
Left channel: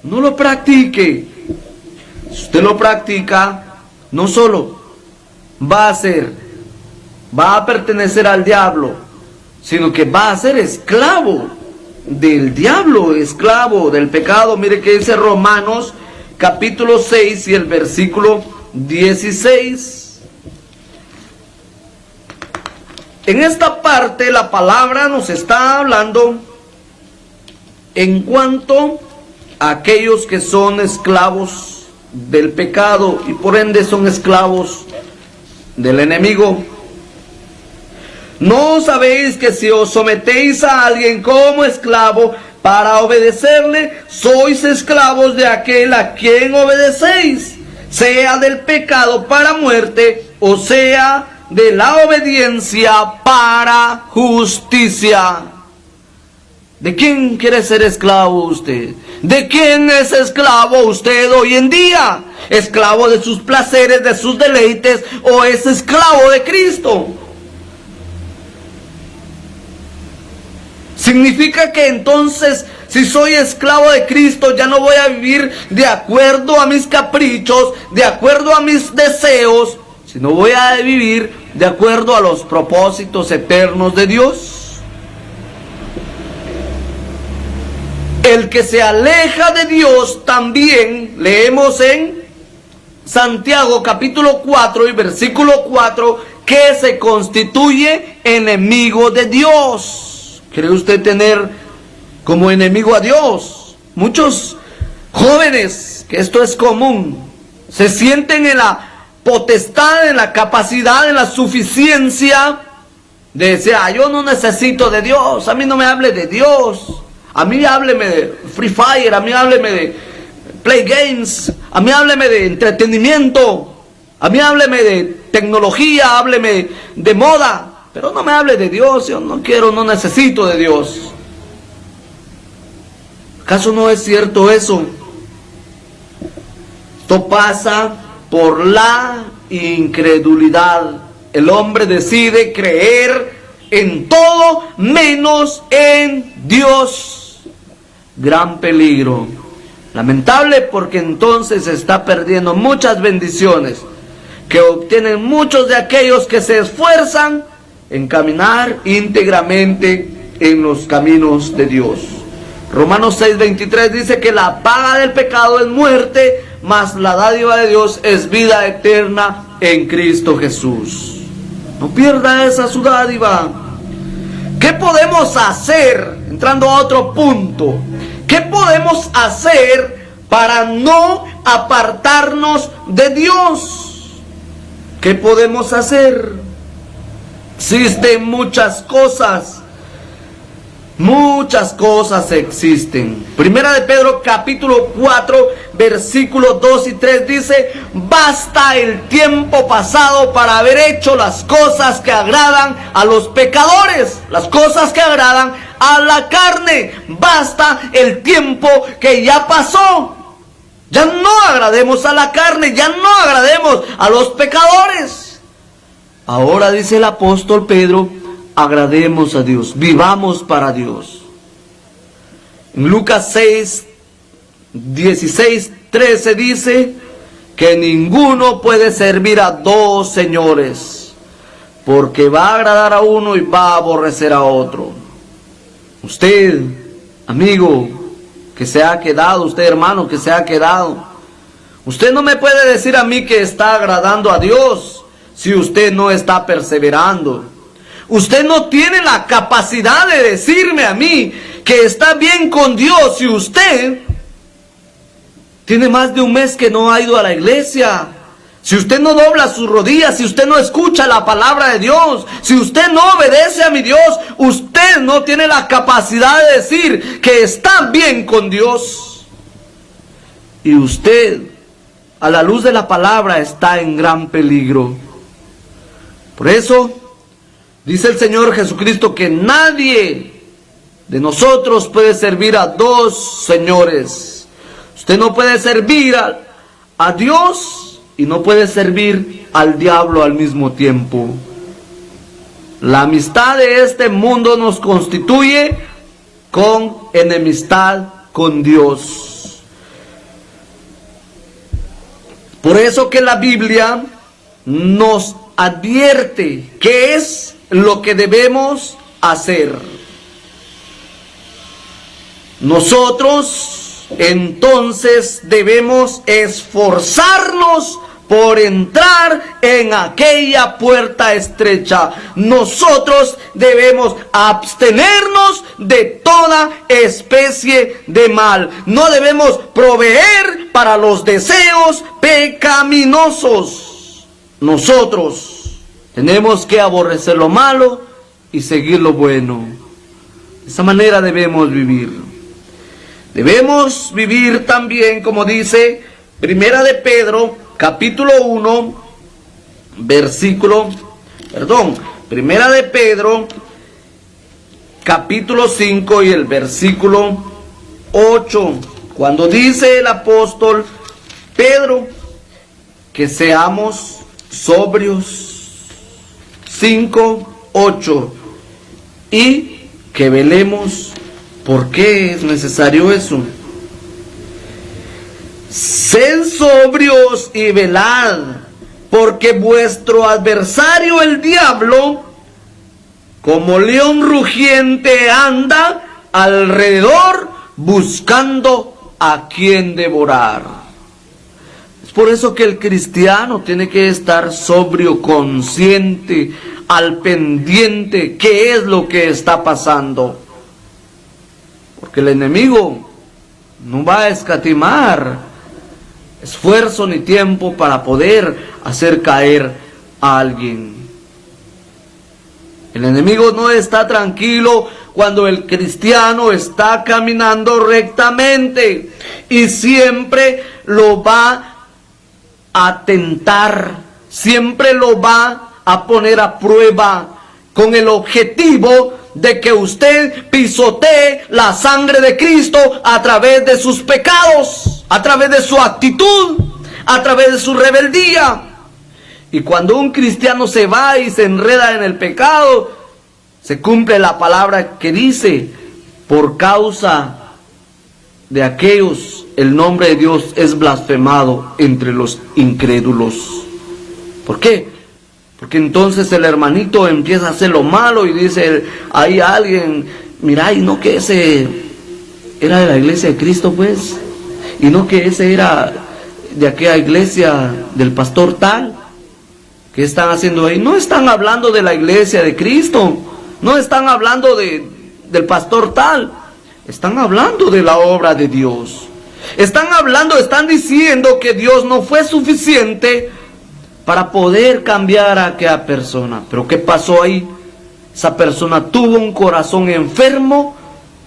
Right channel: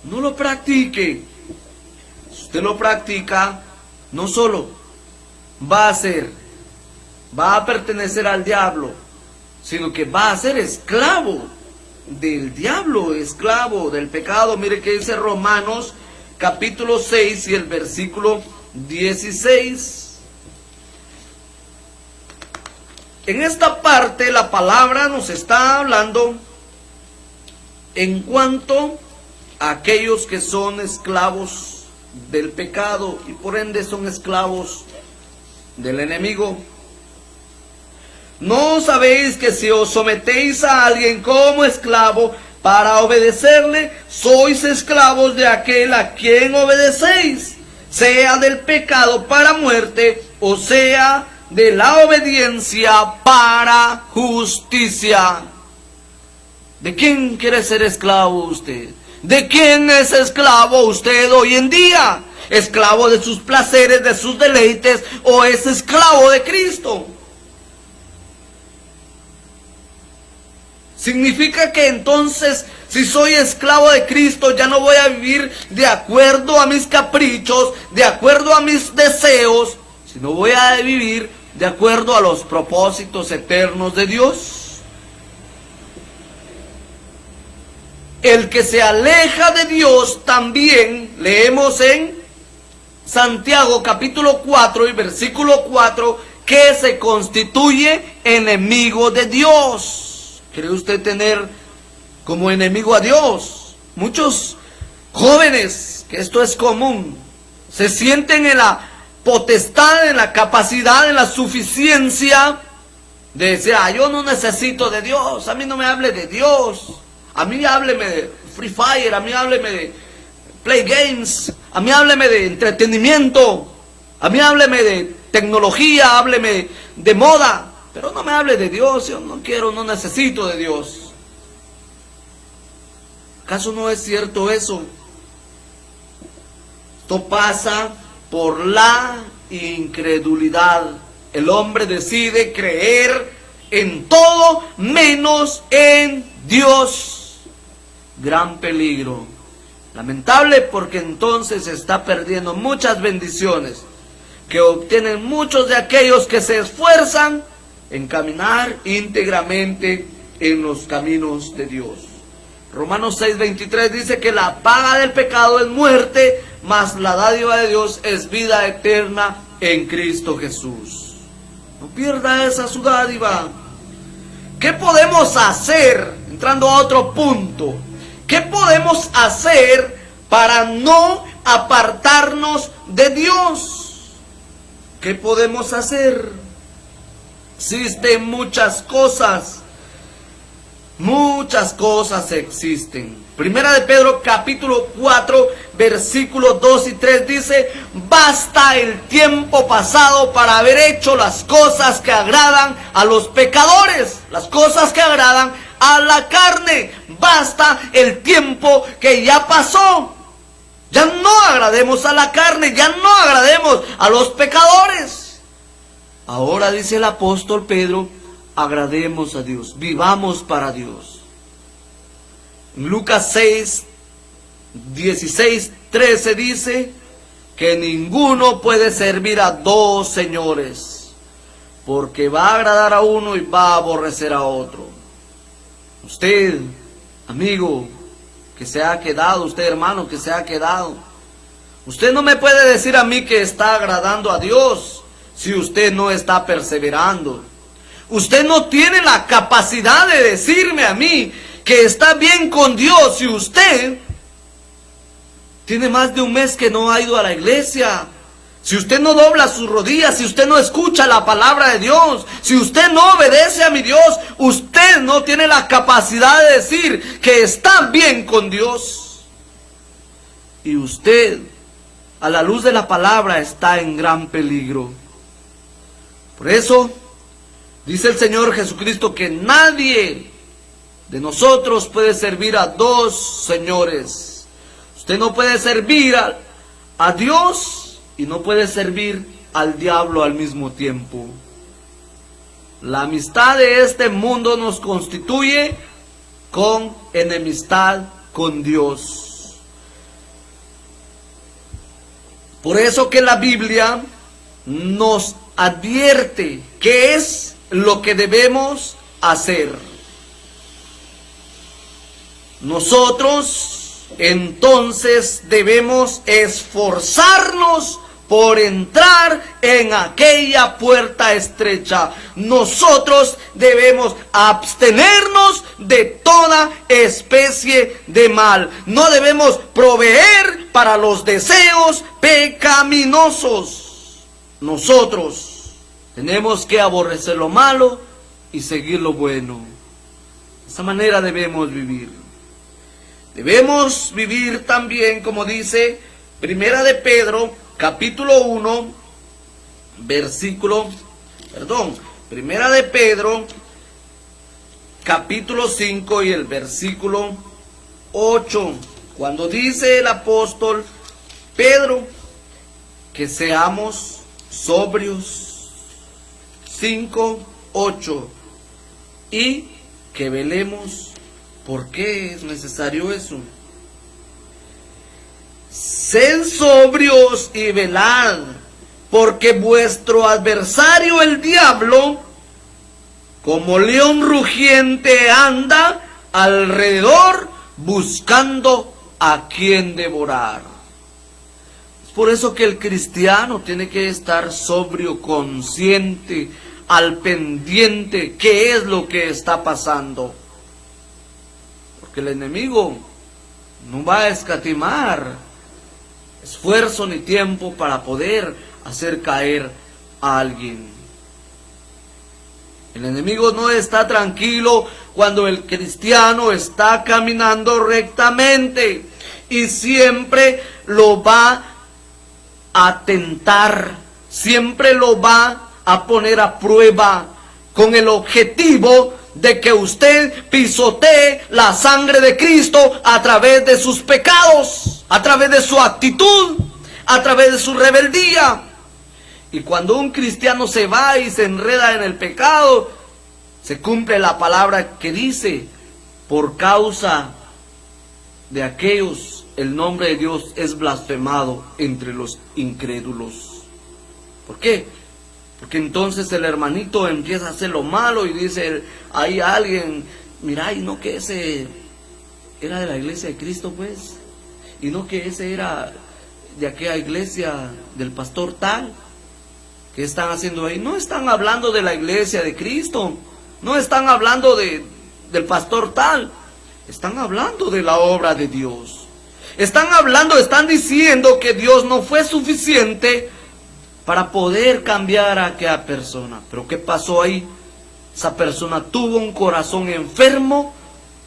No lo practique. Si usted lo practica, no solo va a pertenecer al diablo, sino que va a ser esclavo del diablo, esclavo del pecado. Mire que dice Romanos capítulo 6 y el versículo 16. En esta parte la palabra nos está hablando en cuanto a aquellos que son esclavos del pecado y por ende son esclavos del enemigo. ¿No sabéis que si os sometéis a alguien como esclavo para obedecerle, sois esclavos de aquel a quien obedecéis, sea del pecado para muerte, o sea de la obediencia para justicia? ¿De quién quiere ser esclavo usted? ¿De quién es esclavo usted hoy en día? ¿Esclavo de sus placeres, de sus deleites, o es esclavo de Cristo? Significa que entonces, si soy esclavo de Cristo, ya no voy a vivir de acuerdo a mis caprichos, de acuerdo a mis deseos, sino voy a vivir de acuerdo a los propósitos eternos de Dios. El que se aleja de Dios también, leemos en Santiago capítulo 4 y versículo 4, que se constituye enemigo de Dios. ¿Quiere usted tener como enemigo a Dios? Muchos jóvenes, que esto es común, se sienten en la potestad, en la capacidad, en la suficiencia de decir, yo no necesito de Dios, a mí no me hable de Dios, a mí hábleme de Free Fire, a mí hábleme de Play Games, a mí hábleme de entretenimiento, a mí hábleme de tecnología, hábleme de moda, pero no me hable de Dios, yo no quiero, no necesito de Dios. ¿Acaso no es cierto eso? Esto pasa por la incredulidad. El hombre decide creer en todo menos en Dios. Gran peligro. Lamentable, porque entonces se está perdiendo muchas bendiciones que obtienen muchos de aquellos que se esfuerzan en caminar íntegramente en los caminos de Dios. Romanos 6:23 dice que la paga del pecado es muerte, mas la dádiva de Dios es vida eterna en Cristo Jesús. No pierda esa su dádiva. ¿Qué podemos hacer? Entrando a otro punto, ¿qué podemos hacer para no apartarnos de Dios? ¿Qué podemos hacer? Existen muchas cosas. Muchas cosas existen. Primera de Pedro capítulo 4 versículos 2 y 3 dice: basta el tiempo pasado para haber hecho las cosas que agradan a los pecadores, las cosas que agradan a la carne. Basta el tiempo que ya pasó. Ya no agrademos a la carne, ya no agrademos a los pecadores. Ahora dice el apóstol Pedro: agrademos a Dios, vivamos para Dios. En Lucas 6, 16, 13 dice que ninguno puede servir a dos señores, porque va a agradar a uno y va a aborrecer a otro. Usted, amigo, que se ha quedado, usted, hermano, que se ha quedado, usted no me puede decir a mí que está agradando a Dios si usted no está perseverando. Usted no tiene la capacidad de decirme a mí que está bien con Dios si usted tiene más de un mes que no ha ido a la iglesia, si usted no dobla sus rodillas, si usted no escucha la palabra de Dios, si usted no obedece a mi Dios. Usted no tiene la capacidad de decir que está bien con Dios. Y usted, a la luz de la palabra, está en gran peligro. Por eso dice el Señor Jesucristo que nadie de nosotros puede servir a dos señores. Usted no puede servir a Dios y no puede servir al diablo al mismo tiempo. La amistad de este mundo nos constituye con enemistad con Dios. Por eso que la Biblia nos advierte qué es lo que debemos hacer. Nosotros entonces debemos esforzarnos por entrar en aquella puerta estrecha. Nosotros debemos abstenernos de toda especie de mal. No debemos proveer para los deseos pecaminosos. Nosotros tenemos que aborrecer lo malo y seguir lo bueno. De esa manera debemos vivir. Debemos vivir también, como dice Primera de Pedro, capítulo 1, Primera de Pedro, capítulo 5 y el versículo 8, cuando dice el apóstol Pedro que seamos sobrios. 5, 8, y que velemos. ¿Por qué es necesario eso? Sed sobrios y velad, porque vuestro adversario el diablo, como león rugiente, anda alrededor buscando a quien devorar. Es por eso que el cristiano tiene que estar sobrio, consciente, al pendiente qué es lo que está pasando. Porque el enemigo no va a escatimar esfuerzo ni tiempo para poder hacer caer a alguien. El enemigo no está tranquilo cuando el cristiano está caminando rectamente, y siempre lo va a tentar, siempre lo va a poner a prueba con el objetivo de que usted pisotee la sangre de Cristo a través de sus pecados, a través de su actitud, a través de su rebeldía. Y cuando un cristiano se va y se enreda en el pecado, se cumple la palabra que dice: por causa de aquellos el nombre de Dios es blasfemado entre los incrédulos. ¿Por qué? Porque entonces el hermanito empieza a hacer lo malo y dice, hay alguien, mira, y no que ese era de la iglesia de Cristo, pues, y no que ese era de aquella iglesia del pastor tal. ¿Qué están haciendo ahí? No están hablando de la iglesia de Cristo, no están hablando del pastor tal, están hablando de la obra de Dios. Están diciendo que Dios no fue suficiente para poder cambiar a aquella persona. Pero ¿qué pasó ahí? Esa persona tuvo un corazón enfermo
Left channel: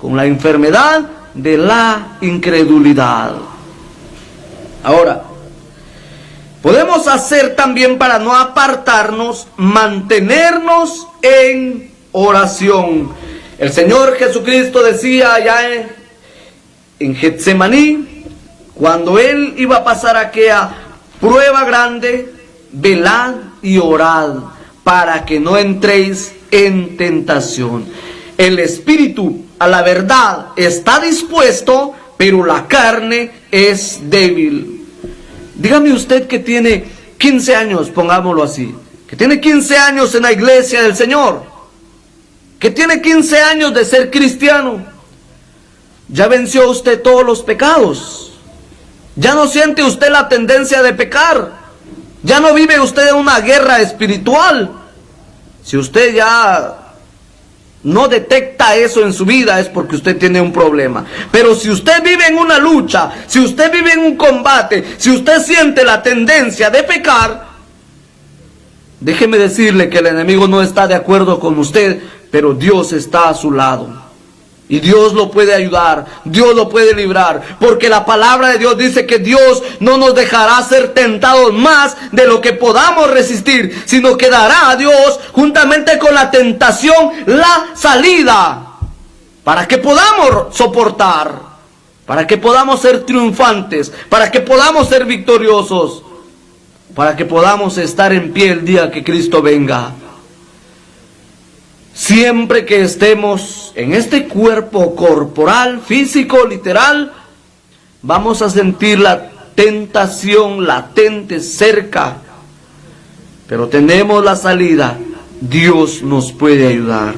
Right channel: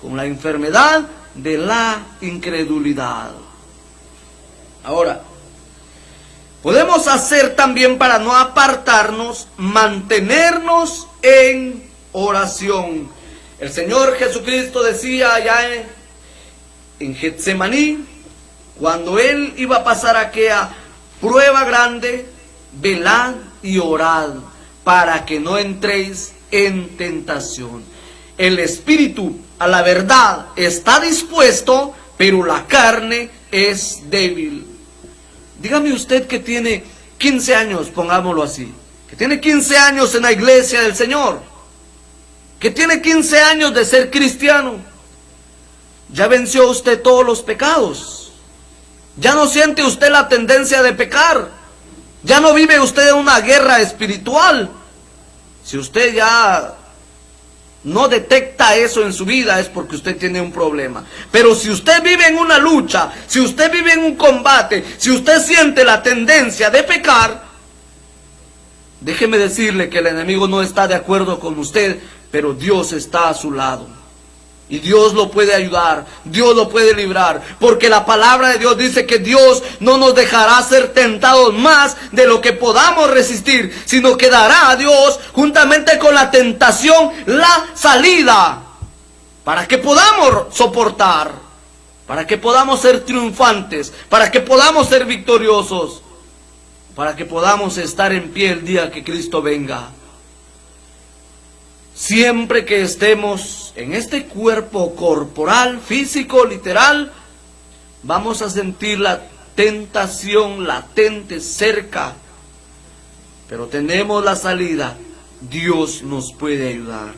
con la enfermedad de la incredulidad. Ahora, podemos hacer también para no apartarnos, mantenernos en oración. El Señor Jesucristo decía allá en Getsemaní, cuando Él iba a pasar aquella prueba grande, velad y orad para que no entréis en tentación. El espíritu a la verdad está dispuesto, pero la carne es débil. Dígame usted que tiene 15 años, pongámoslo así, que tiene 15 años en la iglesia del Señor, que tiene 15 años de ser cristiano. Ya venció usted todos los pecados. Ya no siente usted la tendencia de pecar. Ya no vive usted en una guerra espiritual. Si usted ya no detecta eso en su vida, es porque usted tiene un problema. Pero si usted vive en una lucha, si usted vive en un combate, si usted siente la tendencia de pecar, déjeme decirle que el enemigo no está de acuerdo con usted, pero Dios está a su lado. Y Dios lo puede ayudar, Dios lo puede librar, porque la palabra de Dios dice que Dios no nos dejará ser tentados más de lo que podamos resistir, sino que dará a Dios, juntamente con la tentación, la salida, para que podamos soportar, para que podamos ser triunfantes, para que podamos ser victoriosos, para que podamos estar en pie el día que Cristo venga. Siempre que estemos en este cuerpo corporal, físico, literal, vamos a sentir la tentación latente cerca. Pero tenemos la salida. Dios nos puede ayudar.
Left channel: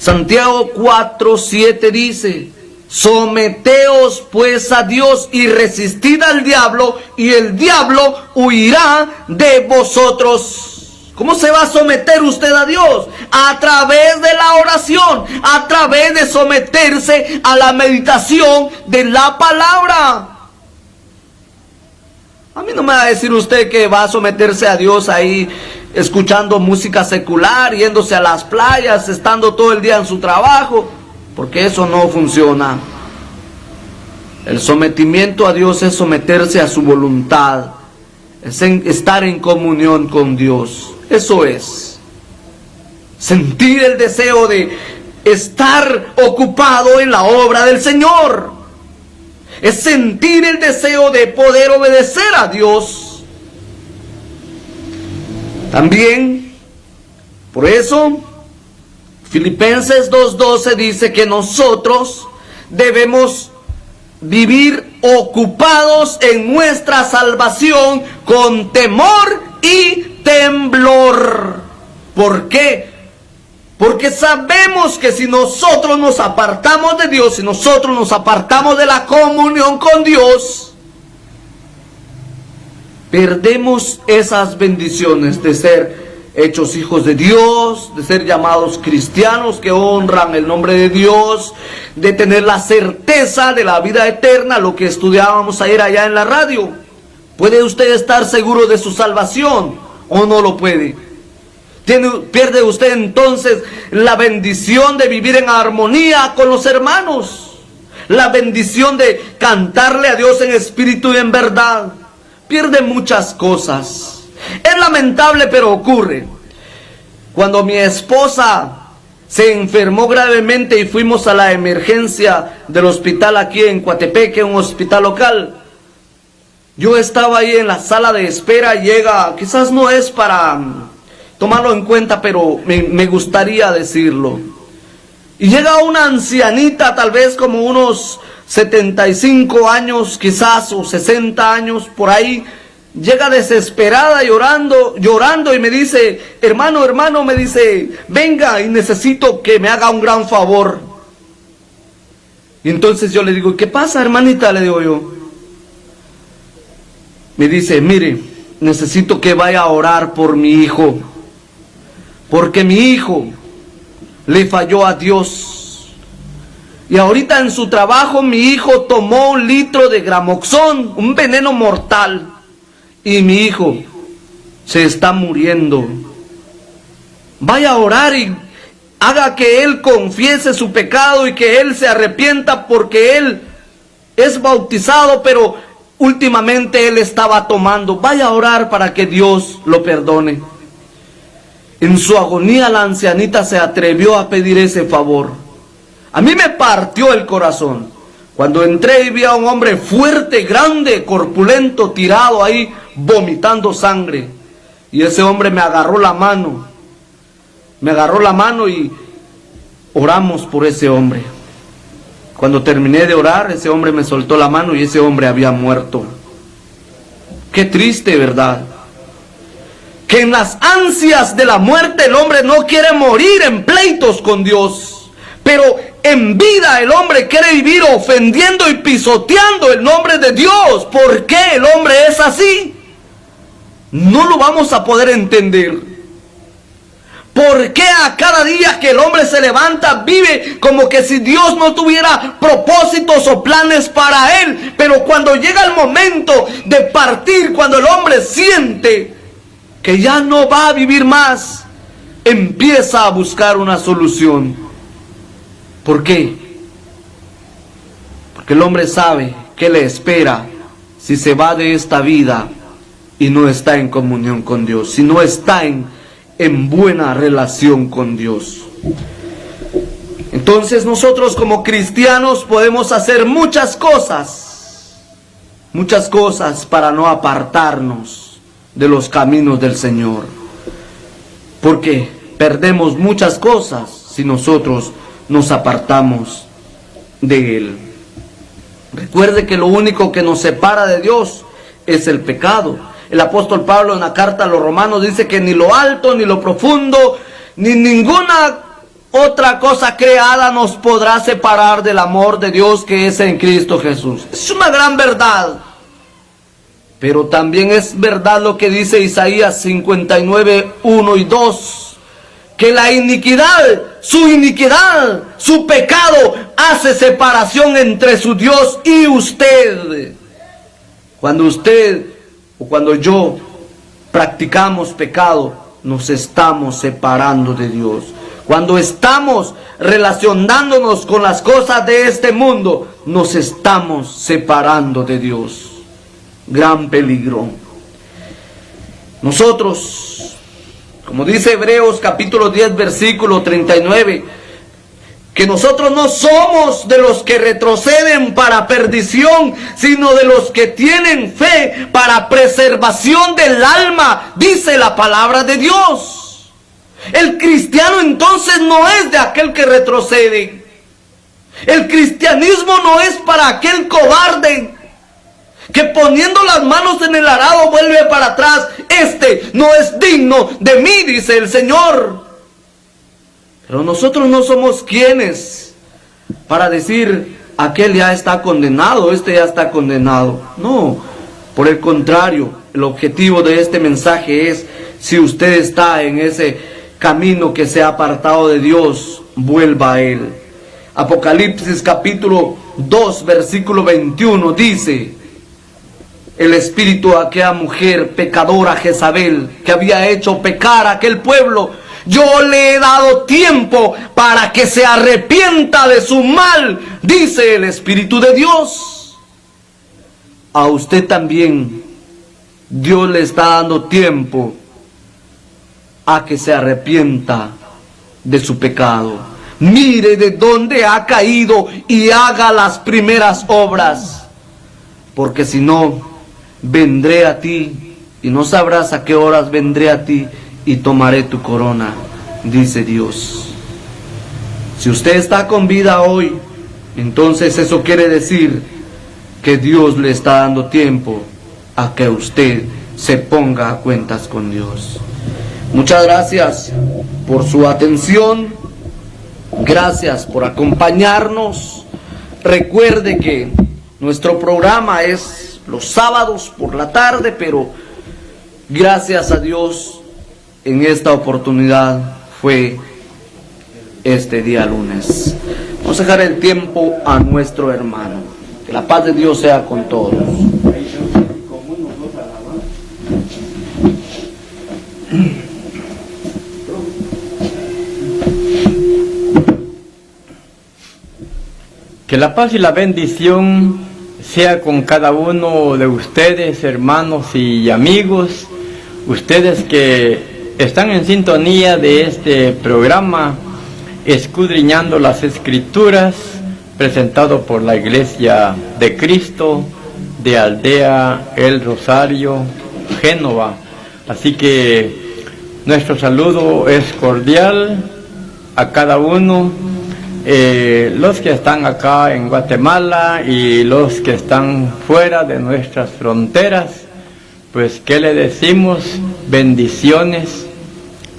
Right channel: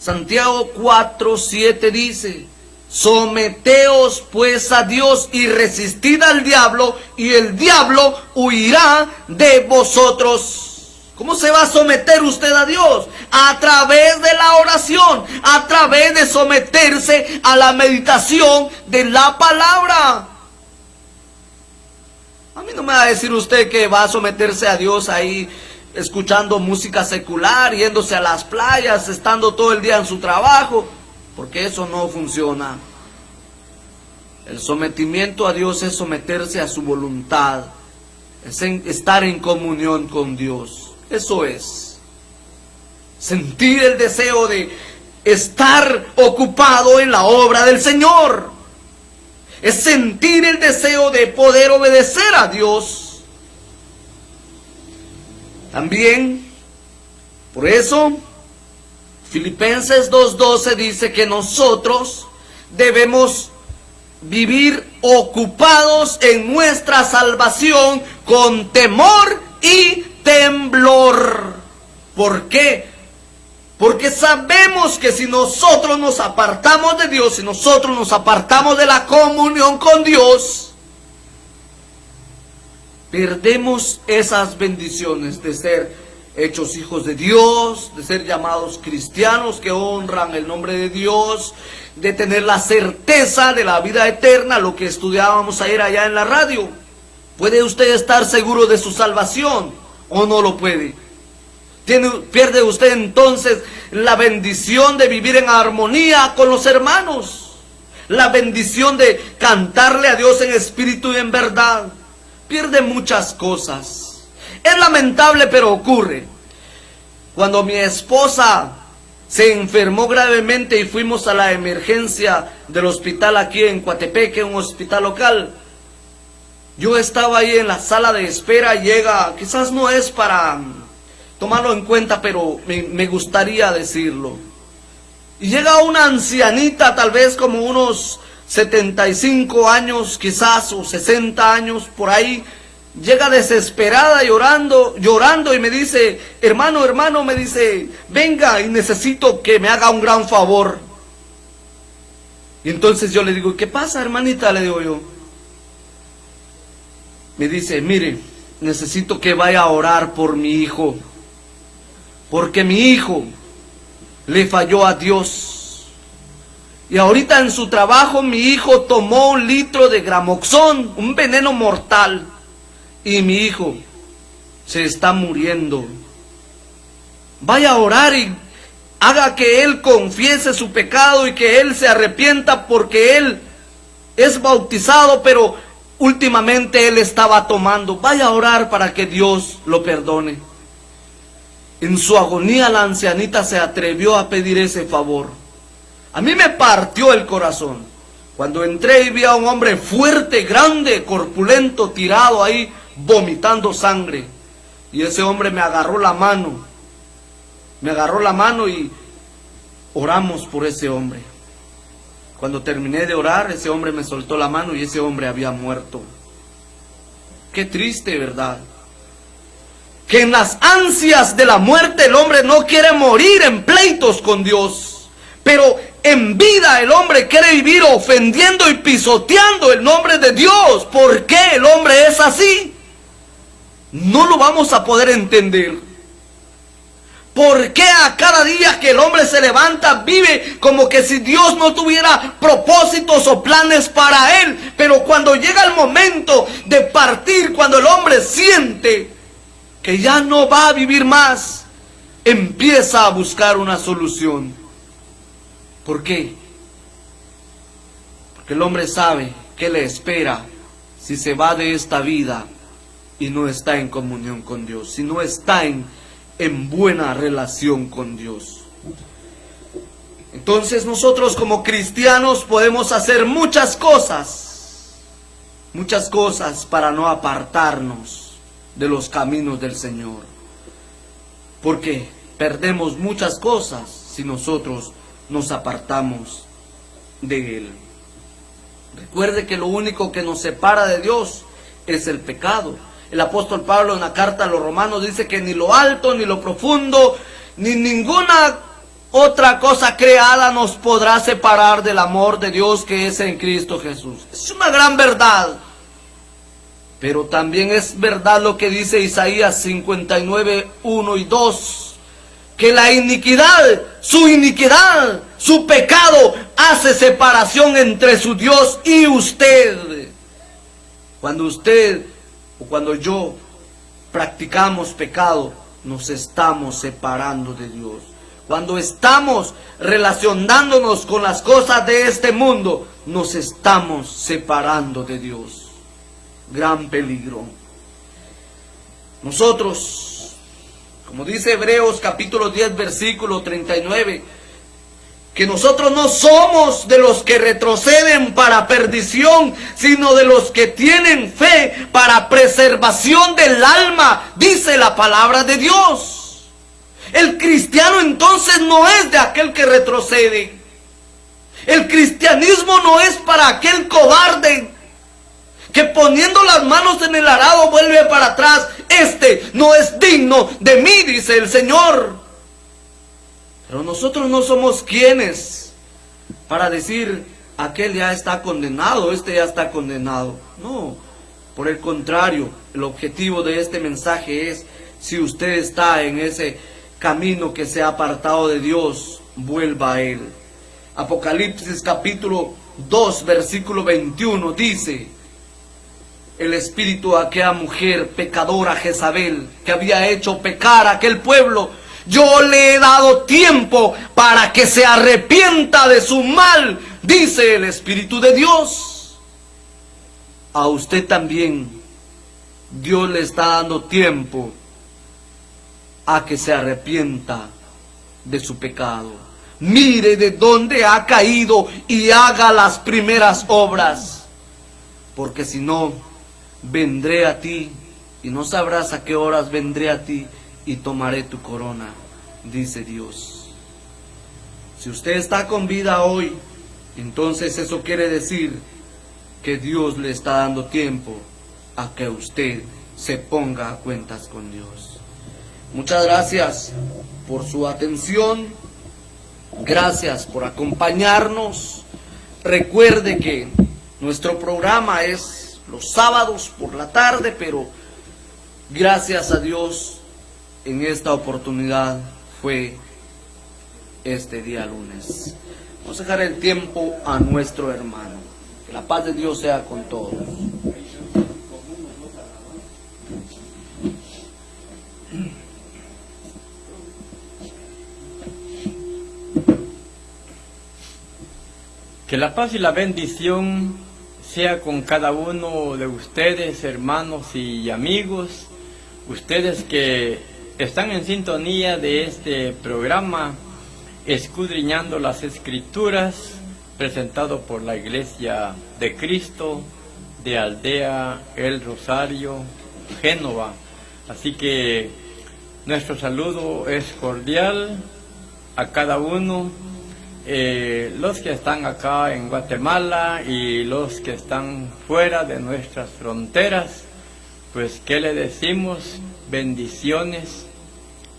Santiago 4:7 dice: someteos pues a Dios y resistid al diablo, y el diablo huirá de vosotros. ¿Cómo se va a someter usted a Dios? A través de la oración, a través de someterse a la meditación de la palabra. A mí no me va a decir usted que va a someterse a Dios ahí escuchando música secular, yéndose a las playas, estando todo el día en su trabajo, porque eso no funciona. El sometimiento a Dios es someterse a su voluntad, es estar en comunión con Dios. Eso es sentir el deseo de estar ocupado en la obra del Señor. Es sentir el deseo de poder obedecer a Dios. También, por eso, Filipenses 2:12 dice que nosotros debemos vivir ocupados en nuestra salvación con temor y temblor. ¿Por qué? Porque sabemos que si nosotros nos apartamos de Dios, si nosotros nos apartamos de la comunión con Dios, perdemos esas bendiciones de ser hechos hijos de Dios, de ser llamados cristianos que honran el nombre de Dios, de tener la certeza de la vida eterna, lo que estudiábamos ayer allá en la radio. ¿Puede usted estar seguro de su salvación o no lo puede? Pierde usted entonces la bendición de vivir en armonía con los hermanos, la bendición de cantarle a Dios en espíritu y en verdad. Pierde muchas cosas. Es lamentable, pero ocurre. Cuando mi esposa se enfermó gravemente y fuimos a la emergencia del hospital aquí en Coatepeque, un hospital local, yo estaba ahí en la sala de espera. Llega, quizás no es para tomarlo en cuenta, pero me gustaría decirlo. Y llega una ancianita, tal vez como unos 75 años, quizás, o 60 años, por ahí. Llega desesperada, llorando y me dice: hermano, me dice, venga y necesito que me haga un gran favor. Y entonces yo le digo: ¿qué pasa, hermanita? Le digo yo. Me dice: mire, necesito que vaya a orar por mi hijo, porque mi hijo le falló a Dios. Y ahorita en su trabajo mi hijo tomó 1 litro de Gramoxón, un veneno mortal. Y mi hijo se está muriendo. Vaya a orar haga que él confiese su pecado y que él se arrepienta, porque él es bautizado, pero últimamente él estaba tomando. Vaya a orar para que Dios lo perdone. En su agonía la ancianita se atrevió a pedir ese favor. A mí me partió el corazón cuando entré y vi a un hombre fuerte, grande, corpulento, tirado ahí, vomitando sangre. Y ese hombre me agarró la mano. Me agarró la mano y oramos por ese hombre. Cuando terminé de orar, ese hombre me soltó la mano y ese hombre había muerto. Qué triste, ¿verdad? Que en las ansias de la muerte el hombre no quiere morir en pleitos con Dios, pero en vida el hombre quiere vivir ofendiendo y pisoteando el nombre de Dios. ¿Por qué el hombre es así? No lo vamos a poder entender. ¿Por qué a cada día que el hombre se levanta vive como que si Dios no tuviera propósitos o planes para él? Pero cuando llega el momento de partir, cuando el hombre siente que ya no va a vivir más, empieza a buscar una solución. ¿Por qué? Porque el hombre sabe qué le espera si se va de esta vida y no está en comunión con Dios, si no está en buena relación con Dios. Entonces nosotros como cristianos podemos hacer muchas cosas para no apartarnos de los caminos del Señor, porque perdemos muchas cosas si nosotros nos apartamos de Él. Recuerde que lo único que nos separa de Dios es el pecado. El apóstol Pablo en la carta a los Romanos dice que ni lo alto, ni lo profundo, ni ninguna otra cosa creada nos podrá separar del amor de Dios que es en Cristo Jesús. Es una gran verdad. Pero también es verdad lo que dice Isaías 59, 1 y 2, que la iniquidad, su pecado hace separación entre su Dios y usted. Cuando usted o cuando yo practicamos pecado, nos estamos separando de Dios. Cuando estamos relacionándonos con las cosas de este mundo, nos estamos separando de Dios. Gran peligro. Nosotros, como dice Hebreos capítulo 10, versículo 39, que nosotros no somos de los que retroceden para perdición, sino de los que tienen fe para preservación del alma, dice la palabra de Dios. El cristiano entonces no es de aquel que retrocede. El cristianismo no es para aquel cobarde que poniendo las manos en el arado vuelve para atrás. Este no es digno de mí, dice el Señor. Pero nosotros no somos quienes para decir, aquel ya está condenado, este ya está condenado. No, por el contrario, el objetivo de este mensaje es, si usted está en ese camino que se ha apartado de Dios, vuelva a Él. Apocalipsis capítulo 2, versículo 21 dice, el espíritu de aquella mujer pecadora Jezabel, que había hecho pecar a aquel pueblo, yo le he dado tiempo para que se arrepienta de su mal, dice el Espíritu de Dios. A usted también Dios le está dando tiempo a que se arrepienta de su pecado. Mire de dónde ha caído y haga las primeras obras, porque si no, vendré a ti y no sabrás a qué horas vendré a ti y tomaré tu corona, dice Dios. Si usted está con vida hoy, entonces eso quiere decir que Dios le está dando tiempo a que usted se ponga a cuentas con Dios. Muchas gracias por su atención, gracias por acompañarnos. Recuerde que nuestro programa es los sábados por la tarde, pero gracias a Dios en esta oportunidad fue este día lunes. Vamos a dejar el tiempo a nuestro hermano. Que la paz de Dios sea con todos. Que la paz y la bendición sea con cada uno de ustedes, hermanos y amigos, ustedes que están en sintonía de este programa, Escudriñando las Escrituras, presentado por la Iglesia de Cristo de Aldea El Rosario, Génova. Así que nuestro saludo es cordial a cada uno, los que están acá en Guatemala y los que están fuera de nuestras fronteras. Pues, ¿qué le decimos? Bendiciones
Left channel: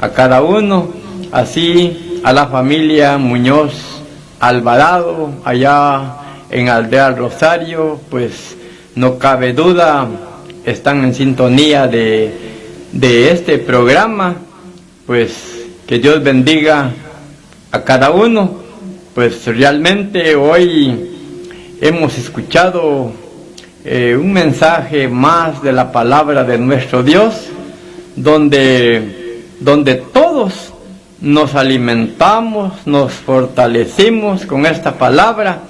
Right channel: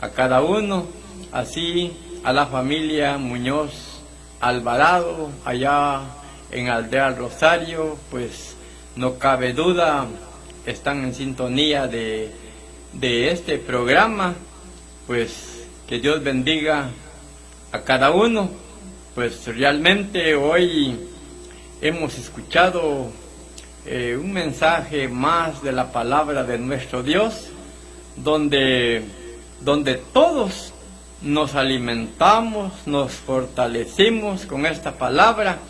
a cada uno, así a la familia Muñoz Alvarado, allá en Aldea Rosario, pues no cabe duda, están en sintonía de este programa. Pues que Dios bendiga a cada uno. Pues realmente hoy hemos escuchado un mensaje más de la palabra de nuestro Dios, donde todos nos alimentamos, nos fortalecimos con esta palabra,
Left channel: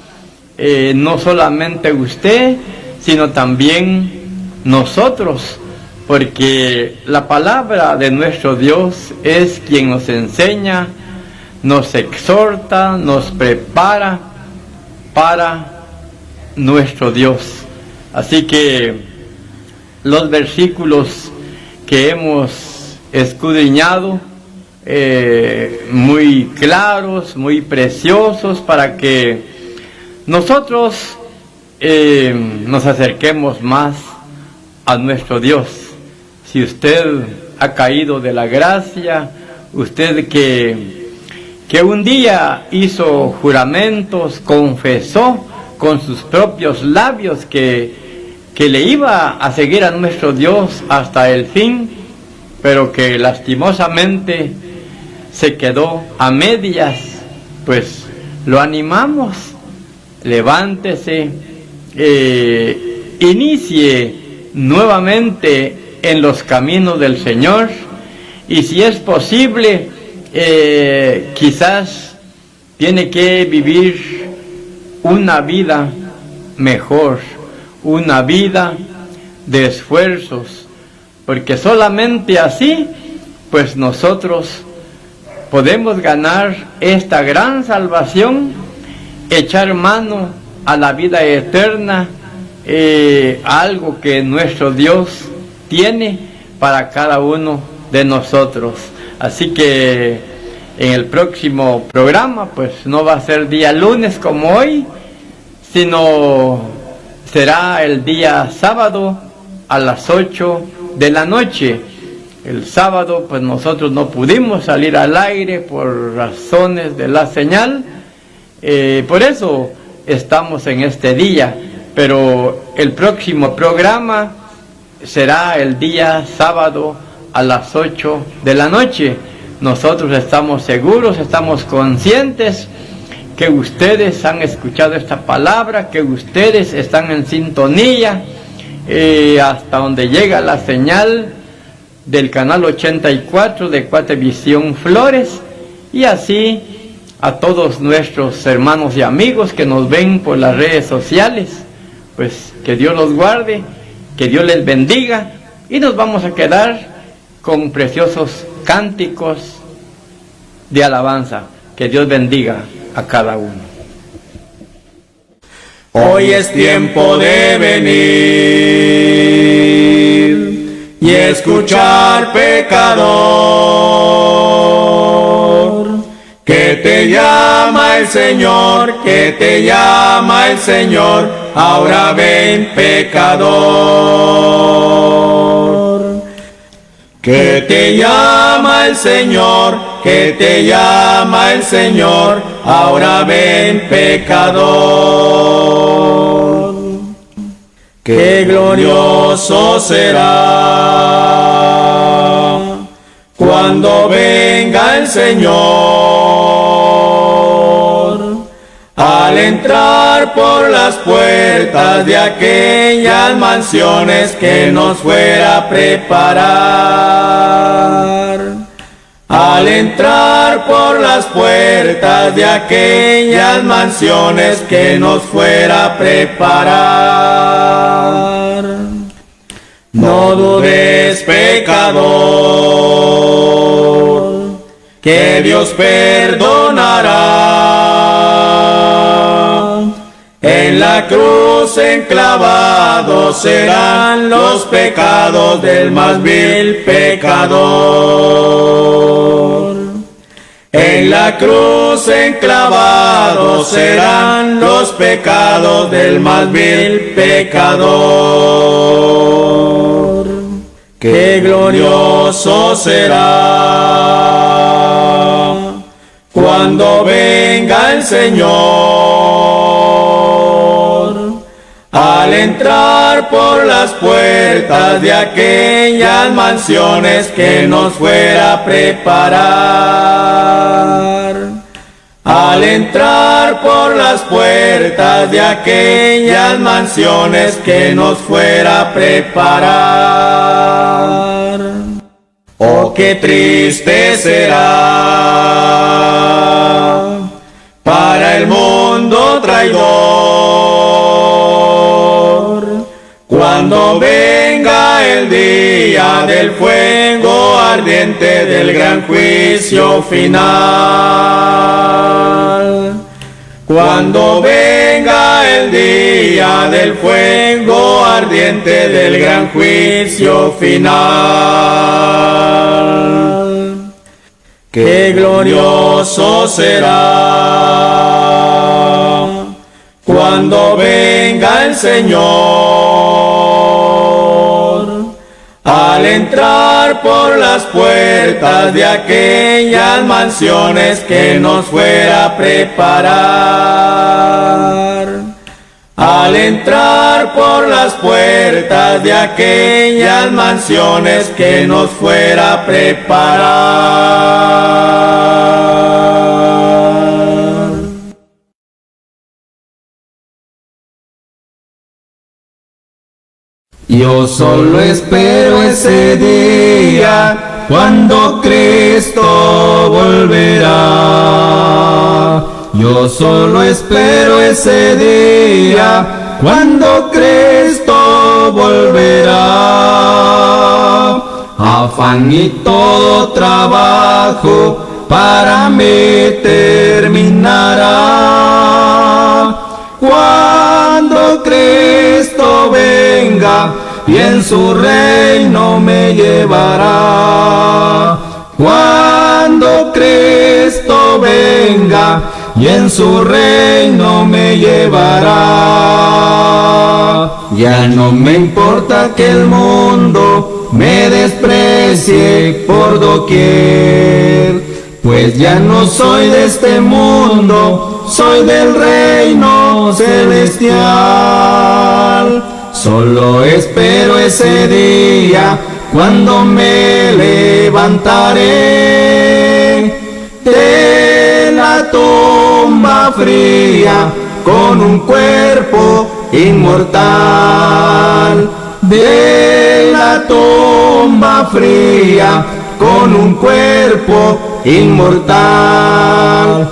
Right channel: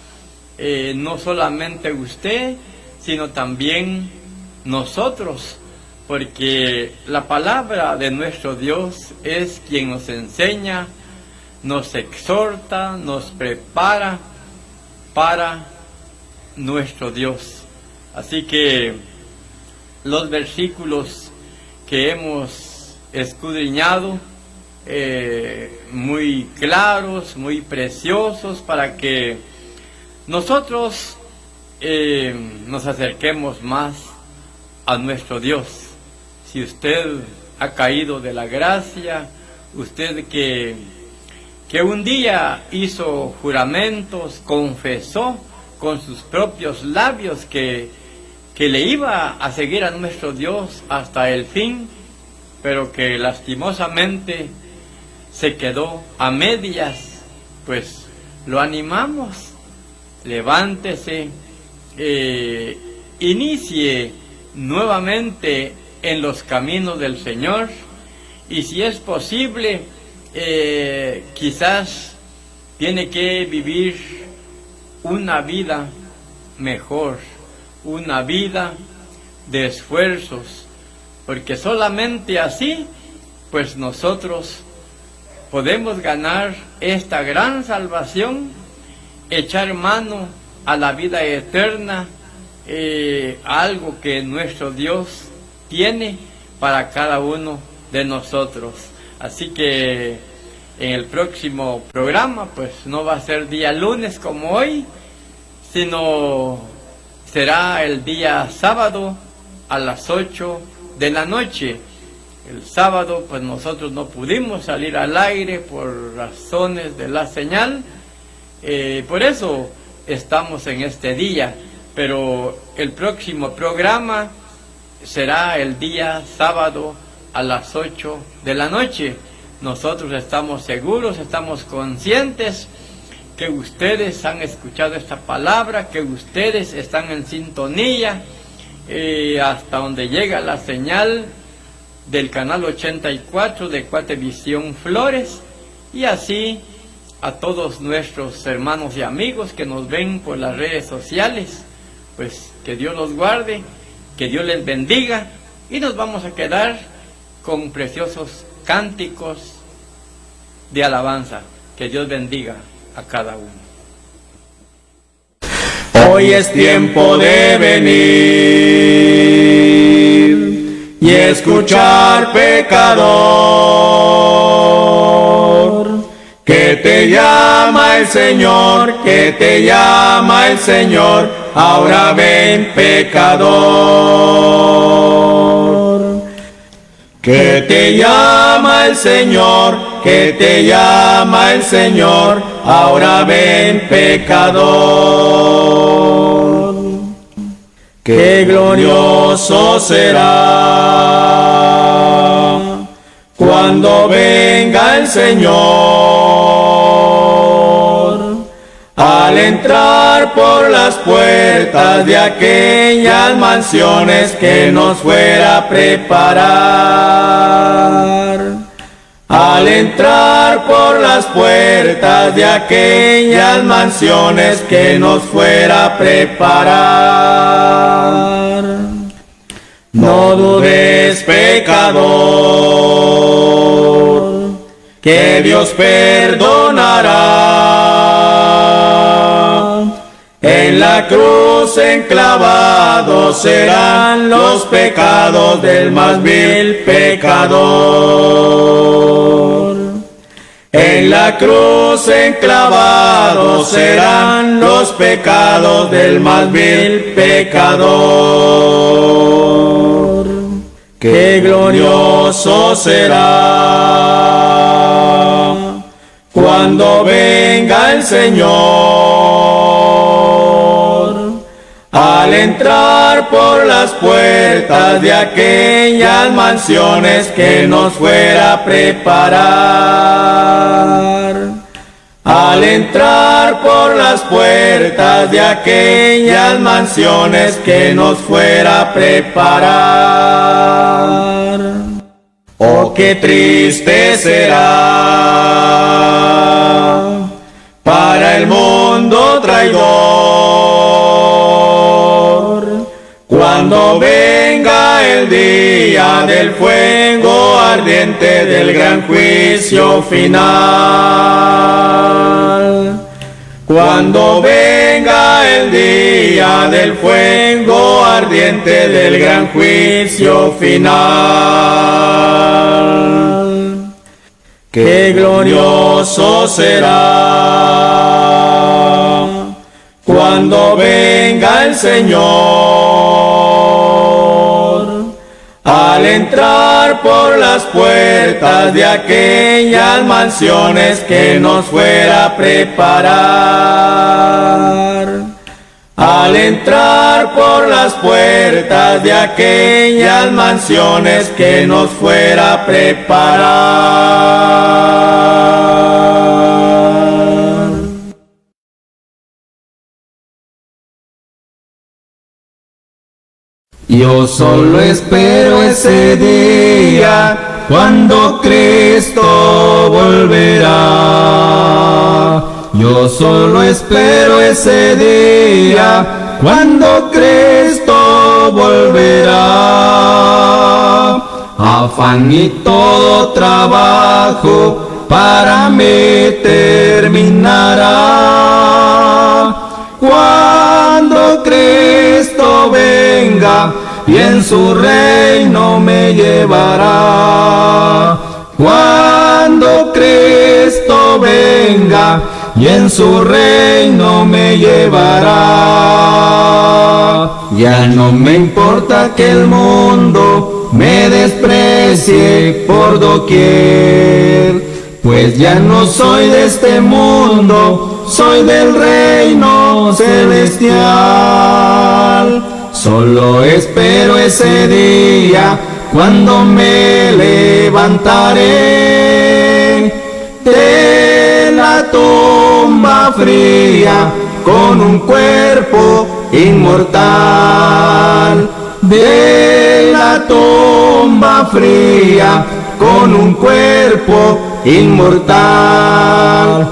no solamente usted, sino también nosotros, porque la palabra de nuestro Dios es quien nos enseña, nos exhorta, nos prepara para nuestro Dios. Así que los versículos que hemos escudriñado, muy claros, muy preciosos, para que nosotros nos acerquemos más a nuestro Dios. Si usted ha caído de la gracia, usted que un día hizo juramentos, confesó con sus propios labios que le iba a seguir a nuestro Dios hasta el fin, pero que lastimosamente se quedó a medias, pues lo animamos, levántese, inicie nuevamente en los caminos del Señor, y si es posible, quizás tiene que vivir una vida mejor, una vida de esfuerzos, porque solamente así, pues nosotros podemos ganar esta gran salvación, echar mano a la vida eterna, algo que nuestro Dios tiene para cada uno de nosotros. Así que en el próximo programa, pues no va a ser día lunes como hoy, sino será el día sábado a las 8 de la noche. El sábado, pues nosotros no pudimos salir al aire por razones de la señal, por eso estamos en este día, pero el próximo programa será el día sábado a las 8 de la noche. Nosotros estamos seguros, estamos conscientes que ustedes han escuchado esta palabra, que ustedes están en sintonía, hasta donde llega la señal del canal 84 de Cuatevisión Flores, y así a todos nuestros hermanos y amigos que nos ven por las redes sociales. Pues que Dios los guarde, que Dios les bendiga, y nos vamos a quedar con preciosos cánticos de alabanza. Que Dios bendiga a cada uno. Hoy es tiempo de venir y escuchar, pecador, que te llama el Señor, que te llama el Señor. Ahora ven, pecador, que te llama el Señor, que te llama el Señor. Ahora ven, pecador, qué glorioso será cuando venga el Señor, al entrar por las puertas de aquellas mansiones que nos fuera a preparar. Al entrar por las las puertas de aquellas mansiones que nos fuera a preparar. No dudes, pecador, que Dios perdonará. En la cruz enclavados serán los pecados del más vil pecador. En la cruz enclavados serán los pecados del más vil pecador. ¡Qué glorioso será cuando venga el Señor, al entrar por las puertas de aquellas mansiones que nos fuera a preparar! Al entrar por las puertas de aquellas mansiones que nos fuera a preparar. ¡Oh, qué triste será para el mundo traidor cuando venga el día del fuego ardiente del gran juicio final! Cuando venga el día del fuego ardiente del gran juicio final. ¡Qué glorioso será cuando venga el Señor, al entrar por las puertas de aquellas mansiones que nos fuera a preparar! Al entrar por las puertas de aquellas mansiones que nos fuera a preparar. Yo solo espero ese día cuando Cristo volverá. Yo solo espero ese día cuando Cristo volverá. Afán y todo trabajo para mí terminará. Cuando Cristo venga y en su reino me llevará. Cuando Cristo venga y en su reino me llevará. Ya no me importa que el mundo me desprecie por doquier, pues ya no soy de este mundo, soy del reino celestial. Solo espero ese día cuando me levantaré de la tumba fría con un cuerpo inmortal. De la tumba fría con un cuerpo inmortal.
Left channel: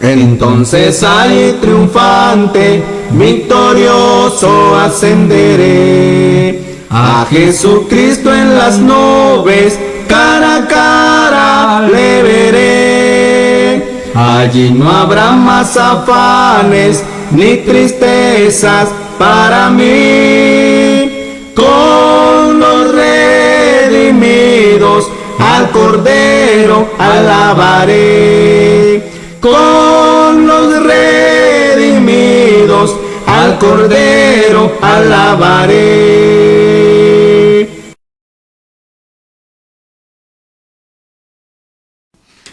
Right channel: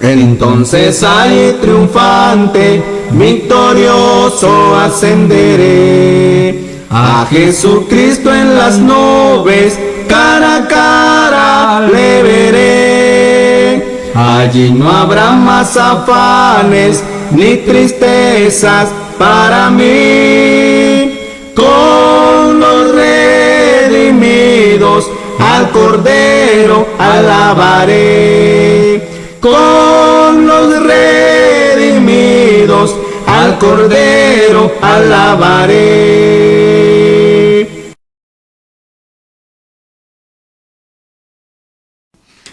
Entonces ahí triunfante, victorioso ascenderé a Jesucristo en las nubes, cara a cara le veré. Allí no habrá más afanes ni tristezas para mí. Con los redimidos al Cordero alabaré. Con los redimidos al Cordero alabaré.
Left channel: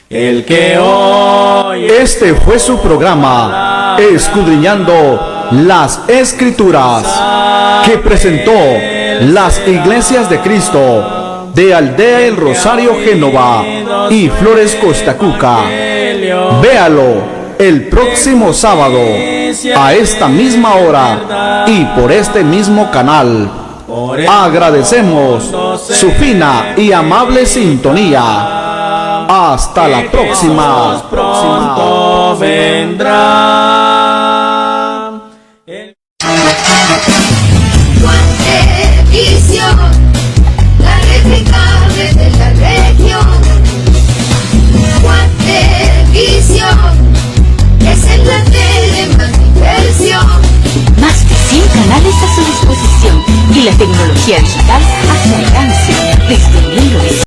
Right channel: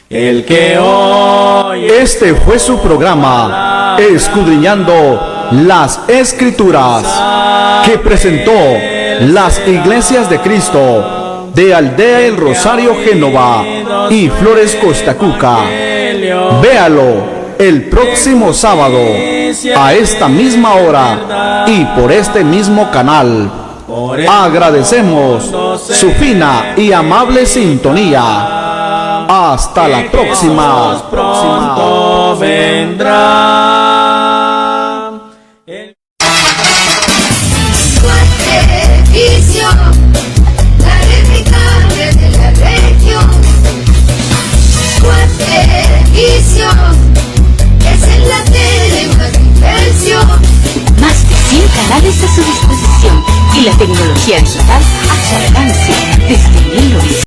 El que hoy Este fue su programa, Escudriñando las Escrituras, que presentó las Iglesias de Cristo de Aldea El Rosario Génova y Flores Costacuca. Véalo el próximo sábado a esta misma hora y por este mismo canal. Agradecemos su fina y amable sintonía. Hasta la próxima. Pronto vendrá. Guatevisión, la replicable de la región. Guatevisión, es en la tele más diversión. Más de 100 canales a su disposición y la tecnología digital a su alcance desde 1900.